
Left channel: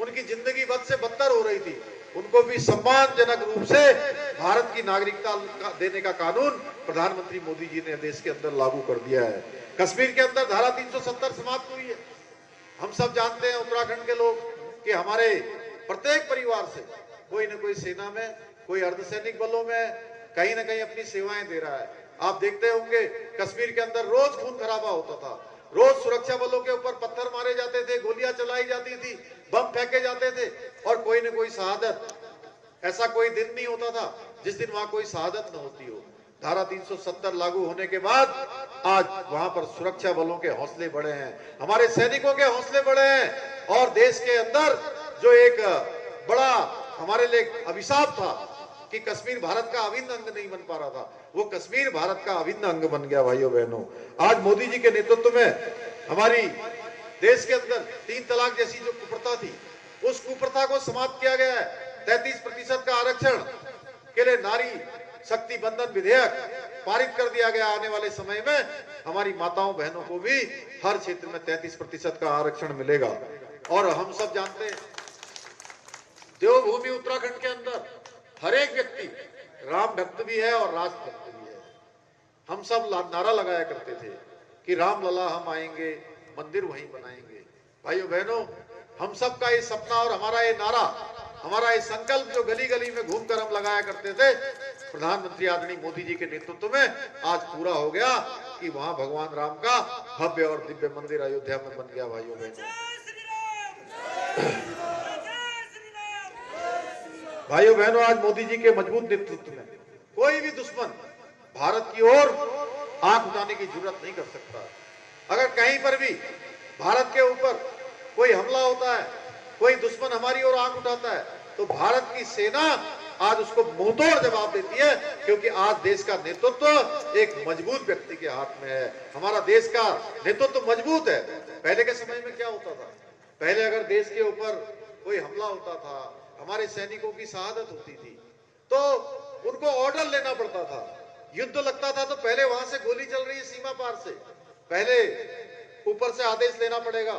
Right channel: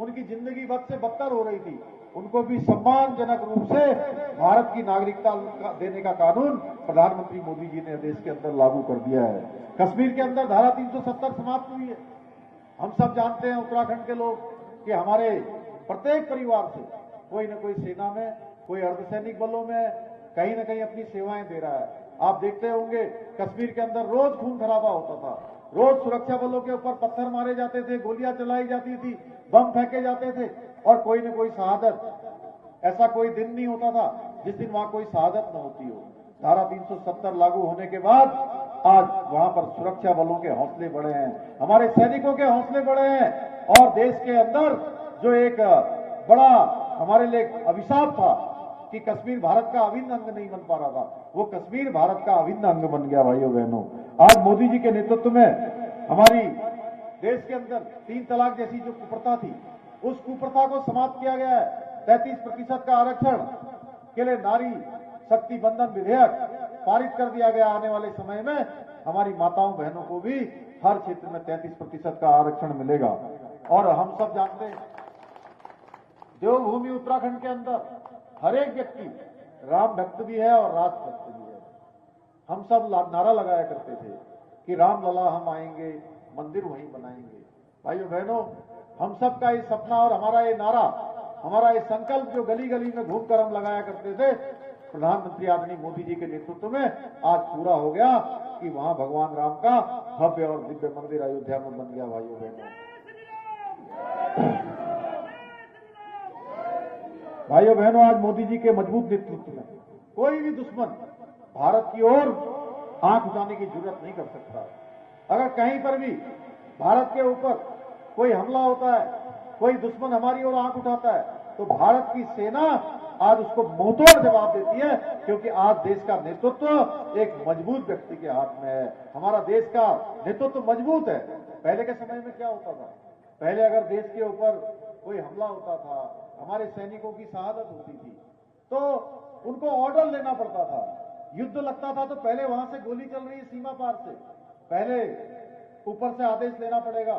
उनकी जिंदगी बद से बदतर हो रही थी, उनको भी सम्मानजनक रूप से भारत की नागरिकता देने का कानून प्रधानमंत्री मोदी जी ने देश के अंदर लागू कर दिया है। कश्मीर के अंदर धारा 370 समाप्त हुई है। हम सब जानते हैं उत्तराखंड के लोग कि हमारे प्रत्येक परिवार से कोई न कोई सेना में, कोई अर्धसैनिक बलों में कहीं ना कहीं अपनी सेवाएं दे रहा है। आप देखते होंगे कश्मीर के अंदर रोज खून खराबा होता था, रोज सुरक्षा बलों के ऊपर पत्थर मारे जाते थे, गोलियां चलाई जाती थी, बम फेंके जाते थे और कोई न कोई शहादत, ऐसा कोई दिन नहीं होता था जिस दिन वहां कोई शहादत न होती हो। धारा 370 लागू होने के बाद आज वहां पर सुरक्षा बलों के हौसले बढ़े हैं, हमारे सैनिकों के हौसले बढ़े हैं और देश के अंदर जो एक बड़ा हमारे लिए अभिशाप था कि कश्मीर भारत का अभिन्न अंग नहीं बन पा रहा था, वो कश्मीर भारत का अभिन्न अंग बन गया। भाइयों बहनों, आज मोदी जी के नेतृत्व में हमारी देश के अंदर 3 तलाक जैसी जो कुप्रथा थी, उस कुप्रथा को समाप्त किया गया है। 33% का आरक्षण के लिए नारी शक्ति बंधन विधेयक पारित कर दिया गया। आने वाले समय में हमारी माताओं बहनों को भी हर क्षेत्र में 33% का आरक्षण मिलेगा। और हम सब जानते हैं देवभूमि उत्तराखंड के अंदर हर एक व्यक्ति राम भक्त भी है और राष्ट्र भक्त भी है। हम सब नारा लगाया करते थे कि राम लला हम आएंगे, मंदिर वहीं बनाएंगे। भाइयों बहनों, हम सब का ये सपना और हमारा ये नारा, हमारा ये संकल्प जो गली गली में घूमकर हम लगाया करते थे, प्रधानमंत्री आदरणीय मोदी जी के नेतृत्व में आज पूरा हो गया कि वहां भगवान राम का भव्य और दिव्य मंदिर अयोध्या में बन गया। भाइयों बहनों, भाइयों बहनों, आज मोदी जी के मजबूत नेतृत्व में कोई भी दुश्मन भारत की ओर आंख उठाने की जरूरत नहीं कर सकता। अगर कहीं पर भी भारत के ऊपर कोई हमला होता है, कोई दुश्मन हमारी ओर आंख उठाता है, तो भारत की सेना आज उसको मुंहतोड़ जवाब देती है, क्योंकि आज देश का नेतृत्व एक मजबूत व्यक्ति के हाथ में है। हमारा देश का नेतृत्व मजबूत है। पहले के समय में क्या होता था, पहले अगर देश के ऊपर कोई हमला होता था, हमारे सैनिकों की शहादत होती थी, तो उनको ऑर्डर लेना पड़ता था। युद्ध लगता था तो पहले वहां से गोली चल रही है सीमा पार से, पहले ऊपर से आदेश लेना पड़ेगा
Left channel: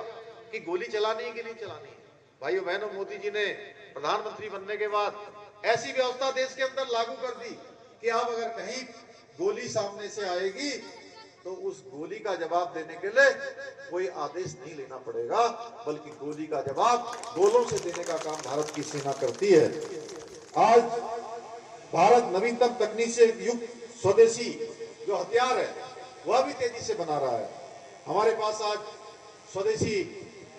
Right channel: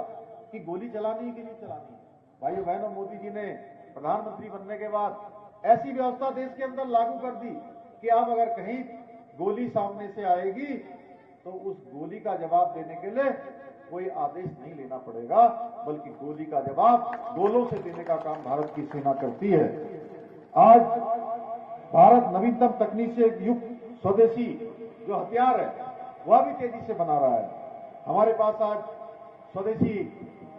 कि गोली चलानी है कि नहीं चलानी है। भाइयों बहनों, मोदी जी ने प्रधानमंत्री बनने के बाद ऐसी व्यवस्था देश के अंदर लागू कर दी कि अब अगर कहीं गोली सामने से आएगी तो उस गोली का जवाब देने के लिए कोई आदेश नहीं लेना पड़ेगा, बल्कि गोली का जवाब गोलों से देने का काम भारत की सेना करती है। आज भारत नवीनतम तकनीक से युक्त स्वदेशी जो हथियार है वह भी तेजी से बना रहा है। हमारे पास आज स्वदेशी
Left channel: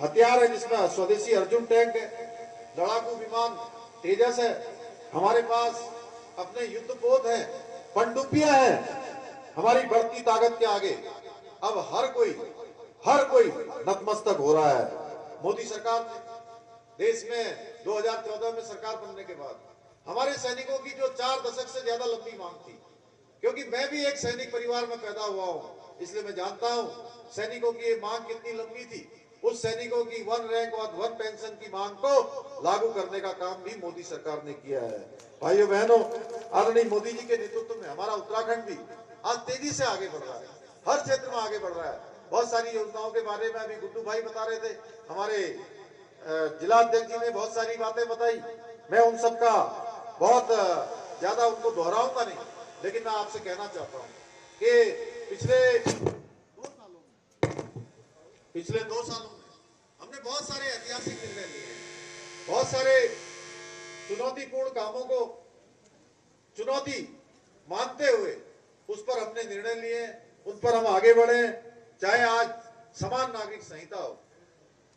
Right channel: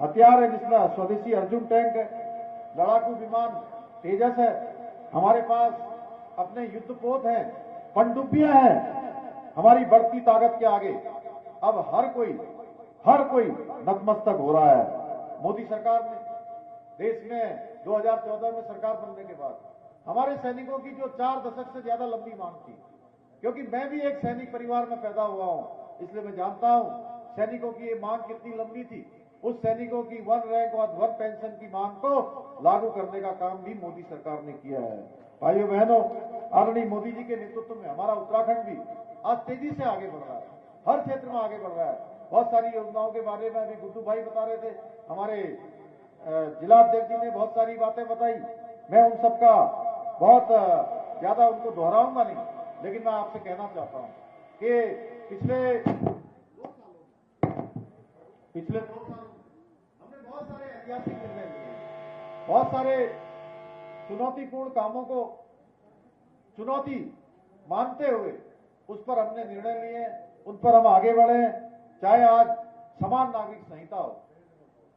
हथियार है, जिसमें स्वदेशी अर्जुन टैंक है, लड़ाकू विमान तेजस है, हमारे पास अपने युद्धपोत हैं, पनडुब्बियां हैं। हमारी बढ़ती ताकत के आगे अब हर कोई नतमस्तक हो रहा है। मोदी सरकार ने देश में 2014 में सरकार बनने के बाद हमारे सैनिकों की जो 4 दशक से ज्यादा लंबी मांग थी, क्योंकि मैं भी एक सैनिक परिवार में पैदा हुआ हूं, इसलिए मैं जानता हूं सैनिकों की ये मांग कितनी लंबी थी। उस सैनिकों की 1 रैंक और 1 पेंशन की मांग को लागू करने का काम भी मोदी सरकार ने किया है। भाइयों बहनों, आदरणीय मोदी जी के नेतृत्व में हमारा उत्तराखंड भी आज तेजी से आगे बढ़ रहा है, हर क्षेत्र में आगे बढ़ रहा है। बहुत सारी योजनाओं के बारे में अभी गुड्डू भाई बता रहे थे, हमारे जिला अध्यक्ष जी ने बहुत सारी बातें बताई, मैं उन सबका बहुत ज्यादा उनको दोहराऊंगा नहीं, लेकिन मैं आपसे कहना चाहता हूं कि पिछले 2 सालों में हमने बहुत सारे ऐतिहासिक निर्णय लिए, बहुत सारे चुनौतीपूर्ण कामों को चुनौती मानते हुए उस पर हमने निर्णय लिए, उन पर हम आगे बढ़े। चाहे आज समान नागरिक संहिता हो,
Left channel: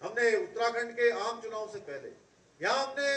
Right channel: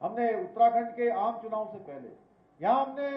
हमने उत्तराखंड के आम चुनाव से पहले यहां हमने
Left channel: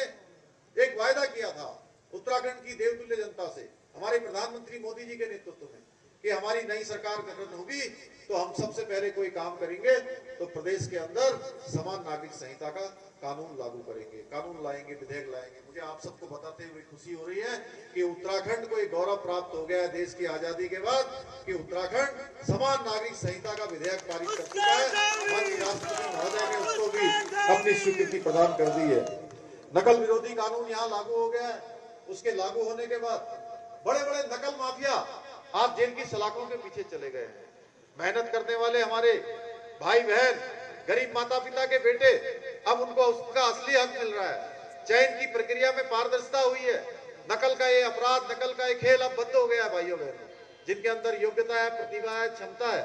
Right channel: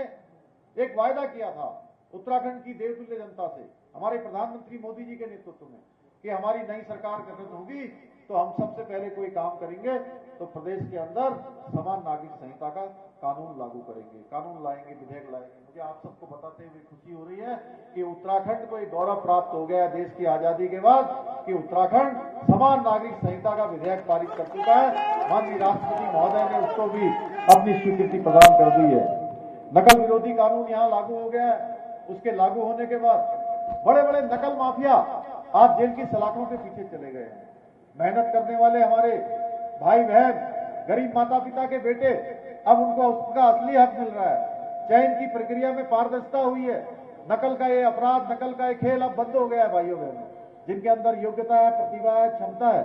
एक वायदा किया था उत्तराखंड की देवतुल्य जनता से, हमारे प्रधानमंत्री मोदी जी के नेतृत्व में, कि हमारी नई सरकार गठन होगी तो हम सबसे पहले कोई काम करेंगे तो प्रदेश के अंदर समान नागरिक संहिता का कानून लागू करेंगे, कानून लाएंगे, विधेयक लाएंगे। मुझे आप सबको बताते हुए खुशी हो रही है कि उत्तराखंड को एक गौरव प्राप्त हो गया देश की आजादी के बाद कि उत्तराखंड समान नागरिक संहिता का विधेयक पारित कर चुका है। माननीय राष्ट्रपति महोदय ने उसको भी अपनी स्वीकृति प्रदान कर दी है। नकल विरोधी कानून यहाँ लागू हो गया है। उसके लागू होने के बाद बड़े बड़े नकल माफिया आज जेल की सलाखों के पीछे चले गए हैं। मेहनत करने वाले हमारे भाई बहन, गरीब माता पिता के बेटे, अब उनको उसका असली हक मिल रहा है। चयन की प्रक्रिया में पारदर्शिता हुई है। नकल का ये अपराध, नकल का ये खेल अब बंद हो गया है। भाइयों बहनों, जिनके अंदर योग्यता है, प्रतिभा है, क्षमता है,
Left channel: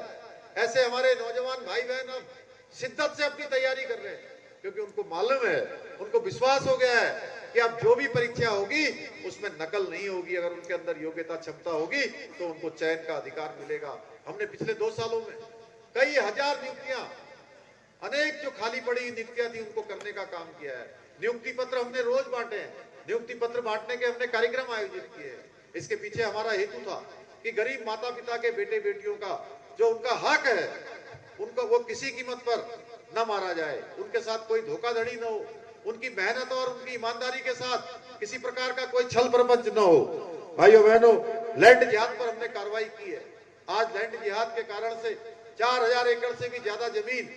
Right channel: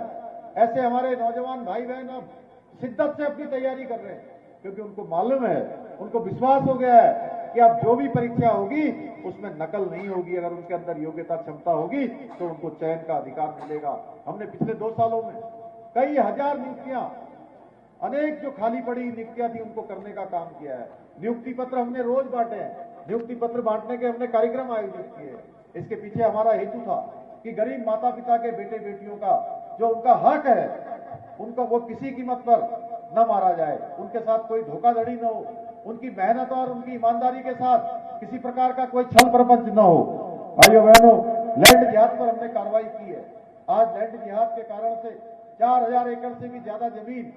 ऐसे हमारे नौजवान भाई बहन अब शिद्दत से अपनी तैयारी कर रहे हैं, क्योंकि उनको मालूम है, उनको विश्वास हो गया है कि अब जो भी परीक्षा होगी उसमें नकल नहीं होगी। अगर उनके अंदर योग्यता, क्षमता होगी तो उनको चयन का अधिकार मिलेगा। हमने पिछले 2 सालों में कई हजार नियुक्तियां, अनेक जो खाली पड़ी नियुक्तियां थी उनको करने का काम किया है। नियुक्ति पत्र हमने रोज बांटे हैं। नियुक्ति पत्र बांटने के हमने कार्यक्रम आयोजित किए हैं। इसके पीछे हमारा हेतु था कि गरीब माता पिता के बेटे बेटियों का जो उनका हक है, उनका वो किसी कीमत पर न मारा जाए, उनके साथ कोई धोखाधड़ी न हो, उनकी मेहनत और उनकी ईमानदारी के साथ किसी प्रकार का कोई छल प्रपंच न हो। भाइयों बहनों, लैंड जिहाद पर हमने कार्रवाई की है। आज लैंड जिहाद के कारण से 4000 एकड़ से भी ज्यादा जमीन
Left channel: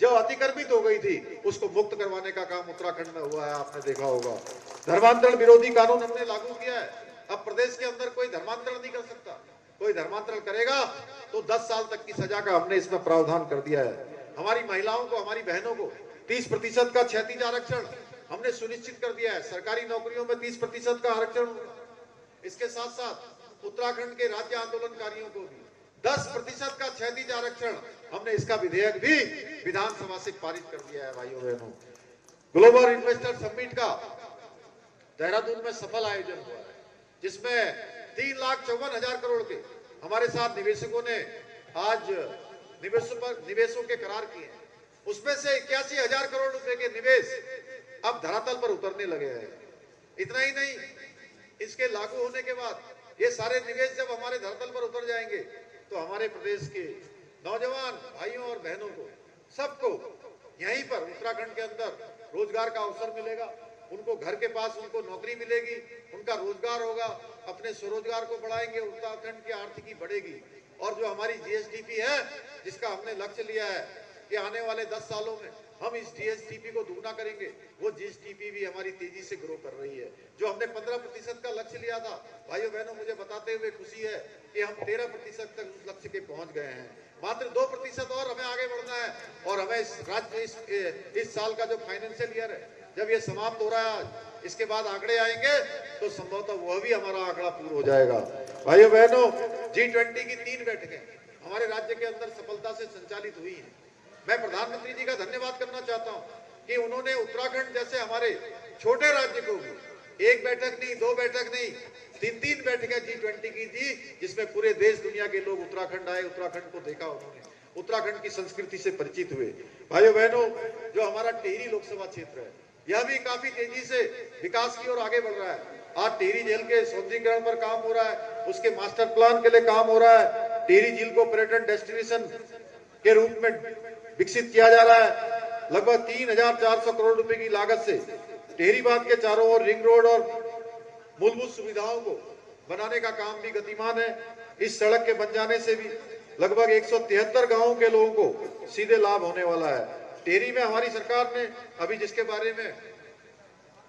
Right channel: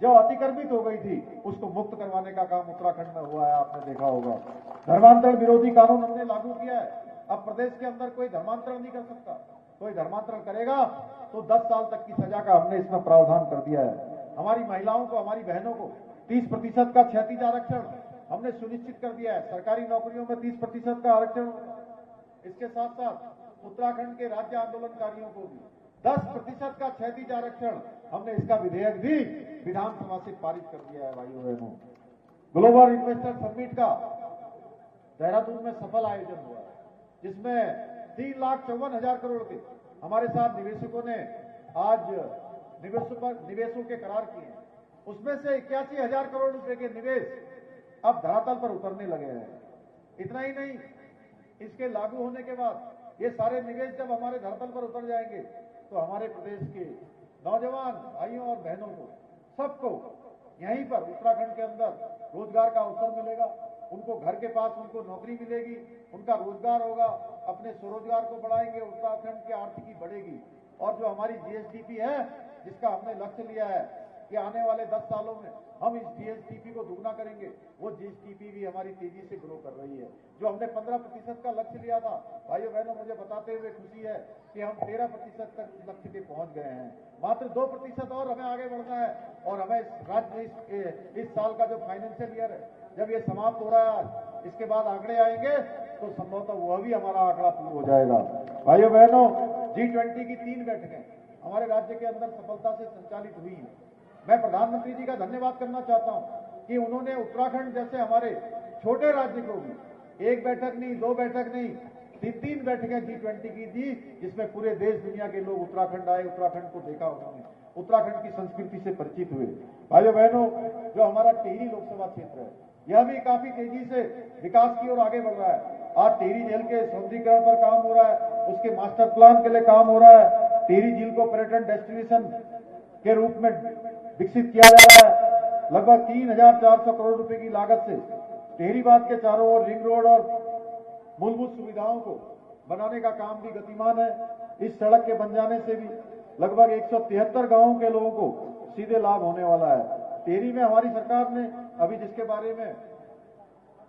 जो अतिक्रमित हो गई थी उसको मुक्त करवाने का काम उत्तराखंड में हुआ है। आपने देखा होगा। धर्मांतरण विरोधी कानून हमने लागू किया है। अब प्रदेश के अंदर कोई धर्मांतरण नहीं कर सकता। कोई धर्मांतरण करेगा तो 10 साल तक की सजा का हमने इसमें प्रावधान कर दिया है। हमारी महिलाओं को, हमारी बहनों को 30% का क्षैतिज आरक्षण हमने सुनिश्चित कर दिया है। सरकारी नौकरियों में 30% का आरक्षण होगा। इसके साथ साथ उत्तराखंड के राज्य आंदोलनकारियों को भी 10% का क्षैतिज आरक्षण, हमने इसका विधेयक भी विधानसभा से पारित कर दिया है। भाइयों बहनों, ग्लोबल इन्वेस्टर समिट का देहरादून में सफल आयोजन हुआ है, जिसमें 3,54,000 करोड़ के हमारे साथ निवेशकों ने आज निवेशों के करार किए हैं। उसमें से 81,000 करोड़ रुपए के निवेश अब धरातल पर उतरने लगे हैं। इतना ही नहीं, इसके लागू होने के बाद ये सारे निवेश जब हमारे धरातल पर उतर जाएंगे तो हमारे प्रदेश के नौजवान भाइयों और बहनों को, सबको यहीं पर उत्तराखंड के अंदर रोजगार का अवसर मिलेगा। उनको घर के पास उनको नौकरी मिलेगी, उनका रोजगार होगा, अपने स्वरोजगार को बढ़ाएंगे, उत्तराखंड की आर्थिकी बढ़ेगी। और जो हमारी जीएसडीपी है, जिसका हमने लक्ष्य लिया है कि आने वाले 10 सालों में हम इस जीएसडीपी को दुगना करेंगे, वो जीएसडीपी भी हमारी तेजी से ग्रो कर रही है। जो हमने 15% का लक्ष्य लिया था, भाइयों बहनों, मुझे बताते हुए खुशी है कि हम 13% तक उस लक्ष्य के पहुंच गए हैं। मात्र 2% और हमें आगे बढ़ना है। और हमें इस साल का जो फाइनेंशियल ईयर है, जब ये समाप्त हो रहा है, इसके बाद आंकड़े आएंगे तो संभवतः वह भी हमारा आंकड़ा पूर्ण हो जाएगा। भाइयों बहनों, G20 की 3 बैठकें हमारे राज्य के अंदर सफलता से संचालित हुई हैं। मैं प्रधानमंत्री जी का धन्यवाद करना चाहता हूं कि उन्होंने उत्तराखंड जैसे हमारे छोटे राज्य को भी 1 बैठक नहीं, 2 बैठक नहीं, 3 बैठकें G20 की दी, जिसमें पूरे देश दुनिया के लोग उत्तराखंड आए, उत्तराखंड को देखा, उन्होंने उत्तराखंड की संस्कृति से परिचित हुए। भाइयों बहनों, जो हमारा टिहरी लोकसभा क्षेत्र है, यह भी काफी तेजी से विकास की ओर आगे बढ़ रहा है। आज टिहरी झील के सौंदर्यीकरण पर काम हो रहा है, उसके मास्टर प्लान के लिए काम हो रहा है। टिहरी झील को पर्यटन डेस्टिनेशन के रूप में विकसित किया जा रहा है। लगभग 3,400 करोड़ रुपए की लागत से टिहरी बांध के चारों ओर रिंग रोड और मूलभूत सुविधाओं को बनाने का काम भी गतिमान है। इस सड़क के बन जाने से भी लगभग 173 गांवों के लोगों को सीधे लाभ होने वाला है। टिहरी में हमारी सरकार ने अभी, जिसके बारे में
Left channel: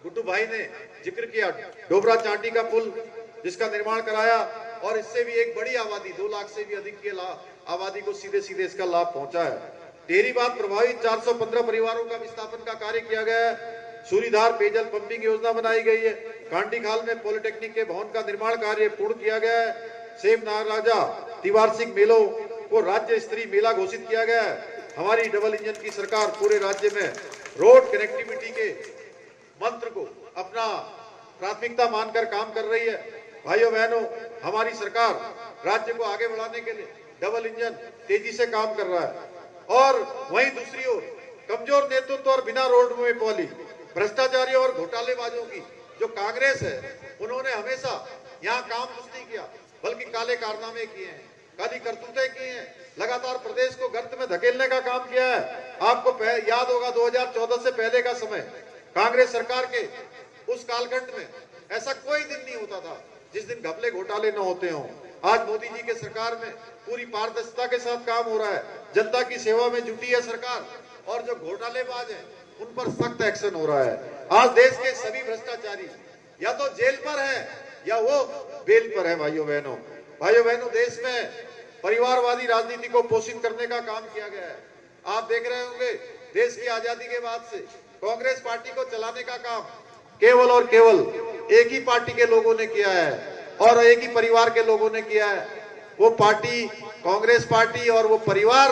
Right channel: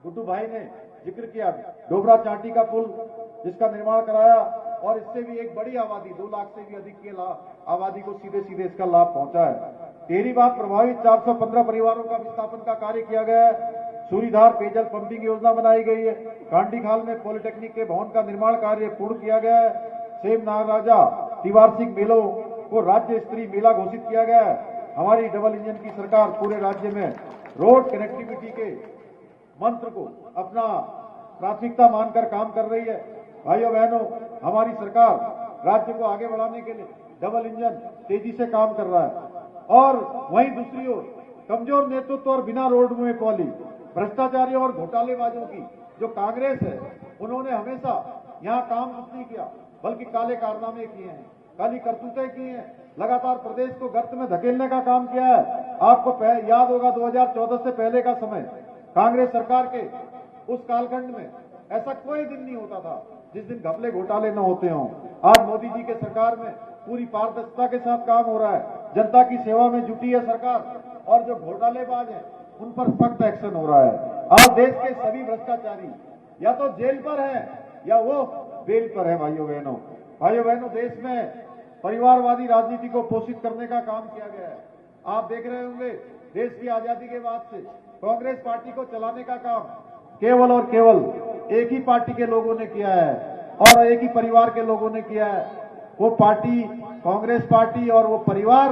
गुड्डू भाई ने जिक्र किया, डोबरा चांटी का पुल जिसका निर्माण कराया, और इससे भी एक बड़ी आबादी, 2 लाख से भी अधिक की आबादी को सीधे सीधे इसका लाभ पहुंचा है। टिहरी बांध प्रभावित 415 परिवारों का विस्थापन का कार्य किया गया है। सूरीधार पेयजल पंपिंग योजना बनाई गई है। कांटी खाल में पॉलिटेक्निक के भवन का निर्माण कार्य पूर्ण किया गया है। सेम महाराजा त्रिवार्षिक मेलों को राज्य स्तरीय मेला घोषित किया गया है। हमारी डबल इंजन की सरकार पूरे राज्य में रोड कनेक्टिविटी के मंत्र को अपना प्राथमिकता मानकर काम कर रही है। भाइयों बहनों, हमारी सरकार राज्य को आगे बढ़ाने के लिए डबल इंजन तेजी से काम कर रहा है। और वहीं दूसरी ओर कमजोर नेतृत्व और बिना रोड में पॉली भ्रष्टाचारियों और घोटालेबाजों की जो कांग्रेस है, उन्होंने हमेशा यहाँ काम कुछ नहीं किया, बल्कि काले कारनामे किए हैं। काली करतूतें की हैं, लगातार प्रदेश को गर्त में धकेलने का काम किया है। आपको याद होगा 2014 से पहले का समय, कांग्रेस सरकार के उस कालखंड में ऐसा कोई दिन नहीं होता था जिस दिन घपले घोटाले न होते हों। आज मोदी जी के सरकार में पूरी पारदर्शिता के साथ काम हो रहा है, जनता की सेवा में जुटी है सरकार, और जो घोटालेबाज हैं उन पर सख्त एक्शन हो रहा है। आज देश के सभी भ्रष्टाचारी या तो जेल पर है या वो बेल पर है। भाइयों बहनों, देश में परिवारवादी राजनीति को पोषित करने का काम किया गया है। आप देख रहे होंगे देश की आजादी के बाद से कांग्रेस पार्टी को चलाने का काम केवल और केवल एक ही पार्टी के लोगों ने किया है और एक ही परिवार के लोगों ने किया है। वो पार्टी कांग्रेस पार्टी और वो परिवार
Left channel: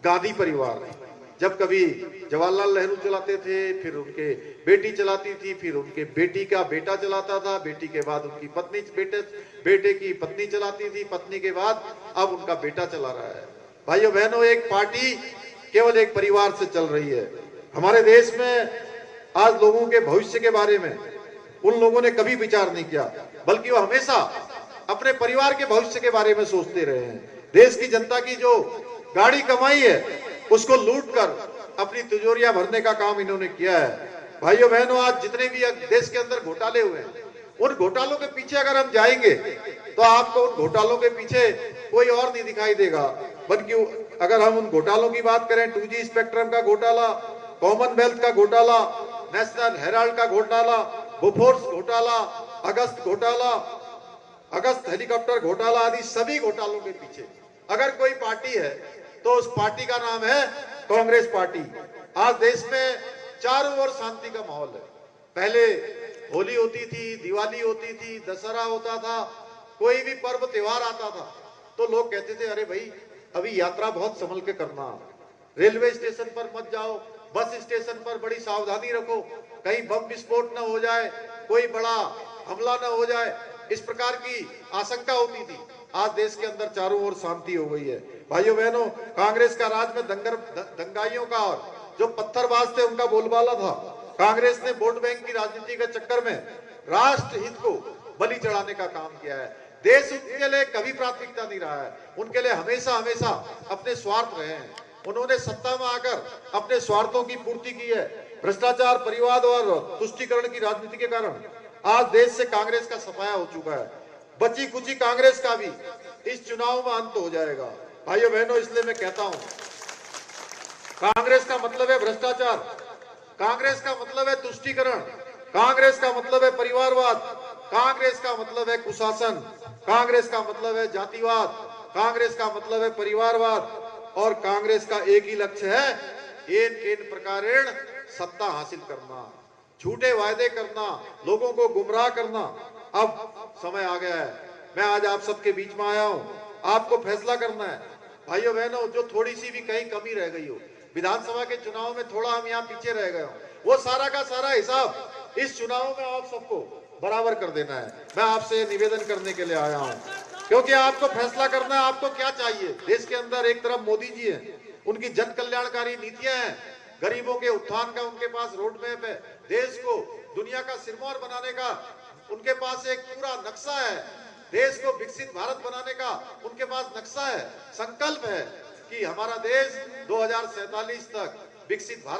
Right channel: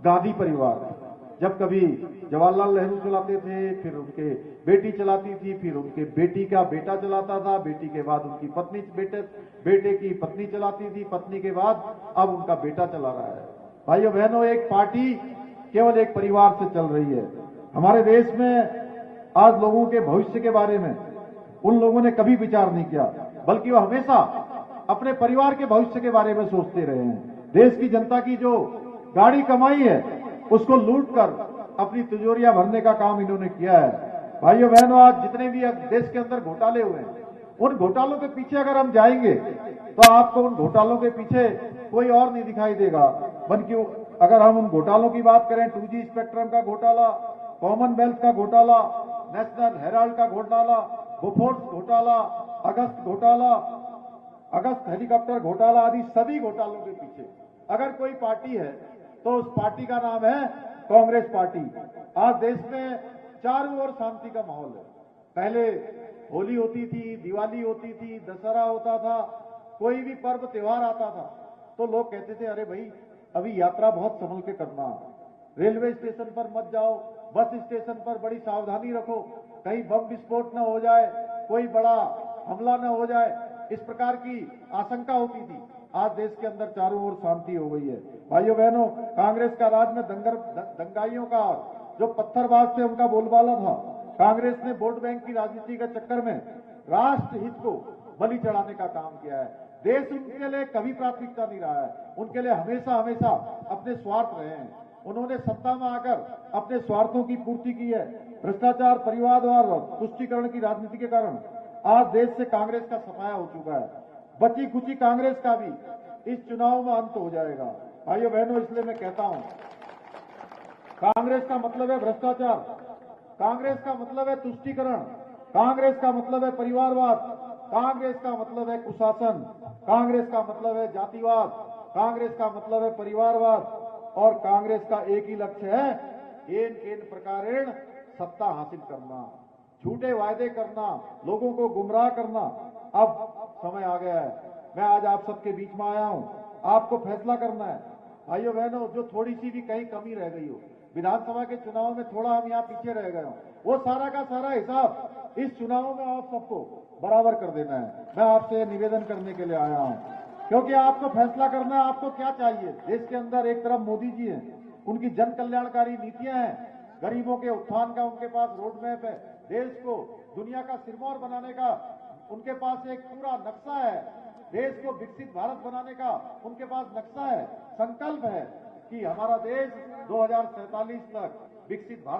गांधी परिवार। जब कभी जवाहरलाल नेहरू चलाते थे, फिर उनके बेटी चलाती थी, फिर उनके बेटी का बेटा चलाता था, बेटी के बाद उनकी पत्नी, बेटे की पत्नी चलाती थी, पत्नी के बाद अब उनका बेटा चला रहा है। भाइयों बहनों, एक पार्टी केवल एक परिवार से चल रही है। हमारे देश में आज लोगों के भविष्य के बारे में उन लोगों ने कभी विचार नहीं किया, बल्कि वो हमेशा अपने परिवार के भविष्य के बारे में सोचते रहे हैं। देश की जनता की जो गाड़ी कमाई है उसको लूट कर अपनी तिजोरियां भरने का काम इन्होंने किया है। भाइयों बहनों, आज जितने भी देश के अंदर घोटाले हुए हैं, उन घोटालों के पीछे अगर हम जाएंगे तो आपको उन घोटालों के पीछे कोई और नहीं दिखाई देगा, बल्कि अगर हम उन घोटालों की बात करें, 2G स्पेक्ट्रम का घोटाला, कॉमनवेल्थ का घोटाला, नेशनल हेराल्ड का घोटाला, बोफोर्स घोटाला, अगस्त हेलीकॉप्टर घोटाला आदि सभी घोटालों के पीछे अगर कोई पार्टी है तो उस पार्टी का नाम है कांग्रेस पार्टी। आज देश में चारों ओर शांति का माहौल है। पहले होली होती थी, दिवाली होती थी, दशहरा होता था, कोई भी पर्व त्योहार आता था तो लोग कहते थे अरे भाई अभी यात्रा बहुत संभल के करना, रेलवे स्टेशन पर मत जाओ, बस स्टेशन पर बड़ी सावधानी रखो, कहीं बम विस्फोट न हो जाए, कोई बड़ा हमला न हो जाए, इस प्रकार की आशंका होती थी। आज देश के अंदर चारों ओर शांति हो गई है। भाइयों बहनों, कांग्रेस का राज में दंगाइयों का और जो पत्थरबाज थे उनका बोलबाला था। कांग्रेस ने वोट बैंक की राजनीति के चक्कर में राष्ट्र हित को बलि चढ़ाने का काम किया है। देश उनके लिए कभी प्राथमिकता नहीं रहा है, उनके लिए हमेशा अपने स्वार्थ रहे हैं। उन्होंने सत्ता में आकर अपने स्वार्थों की पूर्ति की है। भ्रष्टाचार, परिवाद और तुष्टीकरण की राजनीति के कारण आज देश से कांग्रेस का सफाया हो चुका है। बची खुची कांग्रेस का भी इस चुनाव में अंत हो जाएगा। भाइयों बहनों, इसलिए मैं कहता हूं, कांग्रेस का मतलब है भ्रष्टाचार, कांग्रेस का मतलब है तुष्टीकरण, कांग्रेस का मतलब है परिवारवाद, कांग्रेस का मतलब है कुशासन, कांग्रेस का मतलब है जातिवाद, कांग्रेस का मतलब है परिवारवाद, और कांग्रेस का एक ही लक्ष्य है, इन प्रकारेण सत्ता हासिल करना, झूठे वायदे करना, लोगों को गुमराह करना। अब समय आ गया है, मैं आज आप सबके बीच में आया हूं, आपको फैसला करना है। भाइयों बहनों, जो थोड़ी सी भी कहीं कमी रह गई हो, विधानसभा के चुनाव में थोड़ा हम यहाँ पीछे रह गए हो, वो सारा का सारा हिसाब इस चुनाव में आप सबको बराबर कर देना है। मैं आपसे निवेदन करने के लिए आया हूं, क्योंकि आपको फैसला करना है आपको क्या चाहिए। देश के अंदर एक तरफ मोदी जी हैं, उनकी जन कल्याणकारी नीतियां हैं, गरीबों के उत्थान का उनके पास रोड मैप है, देश को दुनिया का सिरमौर बनाने का उनके पास एक पूरा नक्शा है, देश को विकसित भारत बनाने का उनके पास नक्शा है, संकल्प है कि हमारा देश 2047 तक विकसित भारत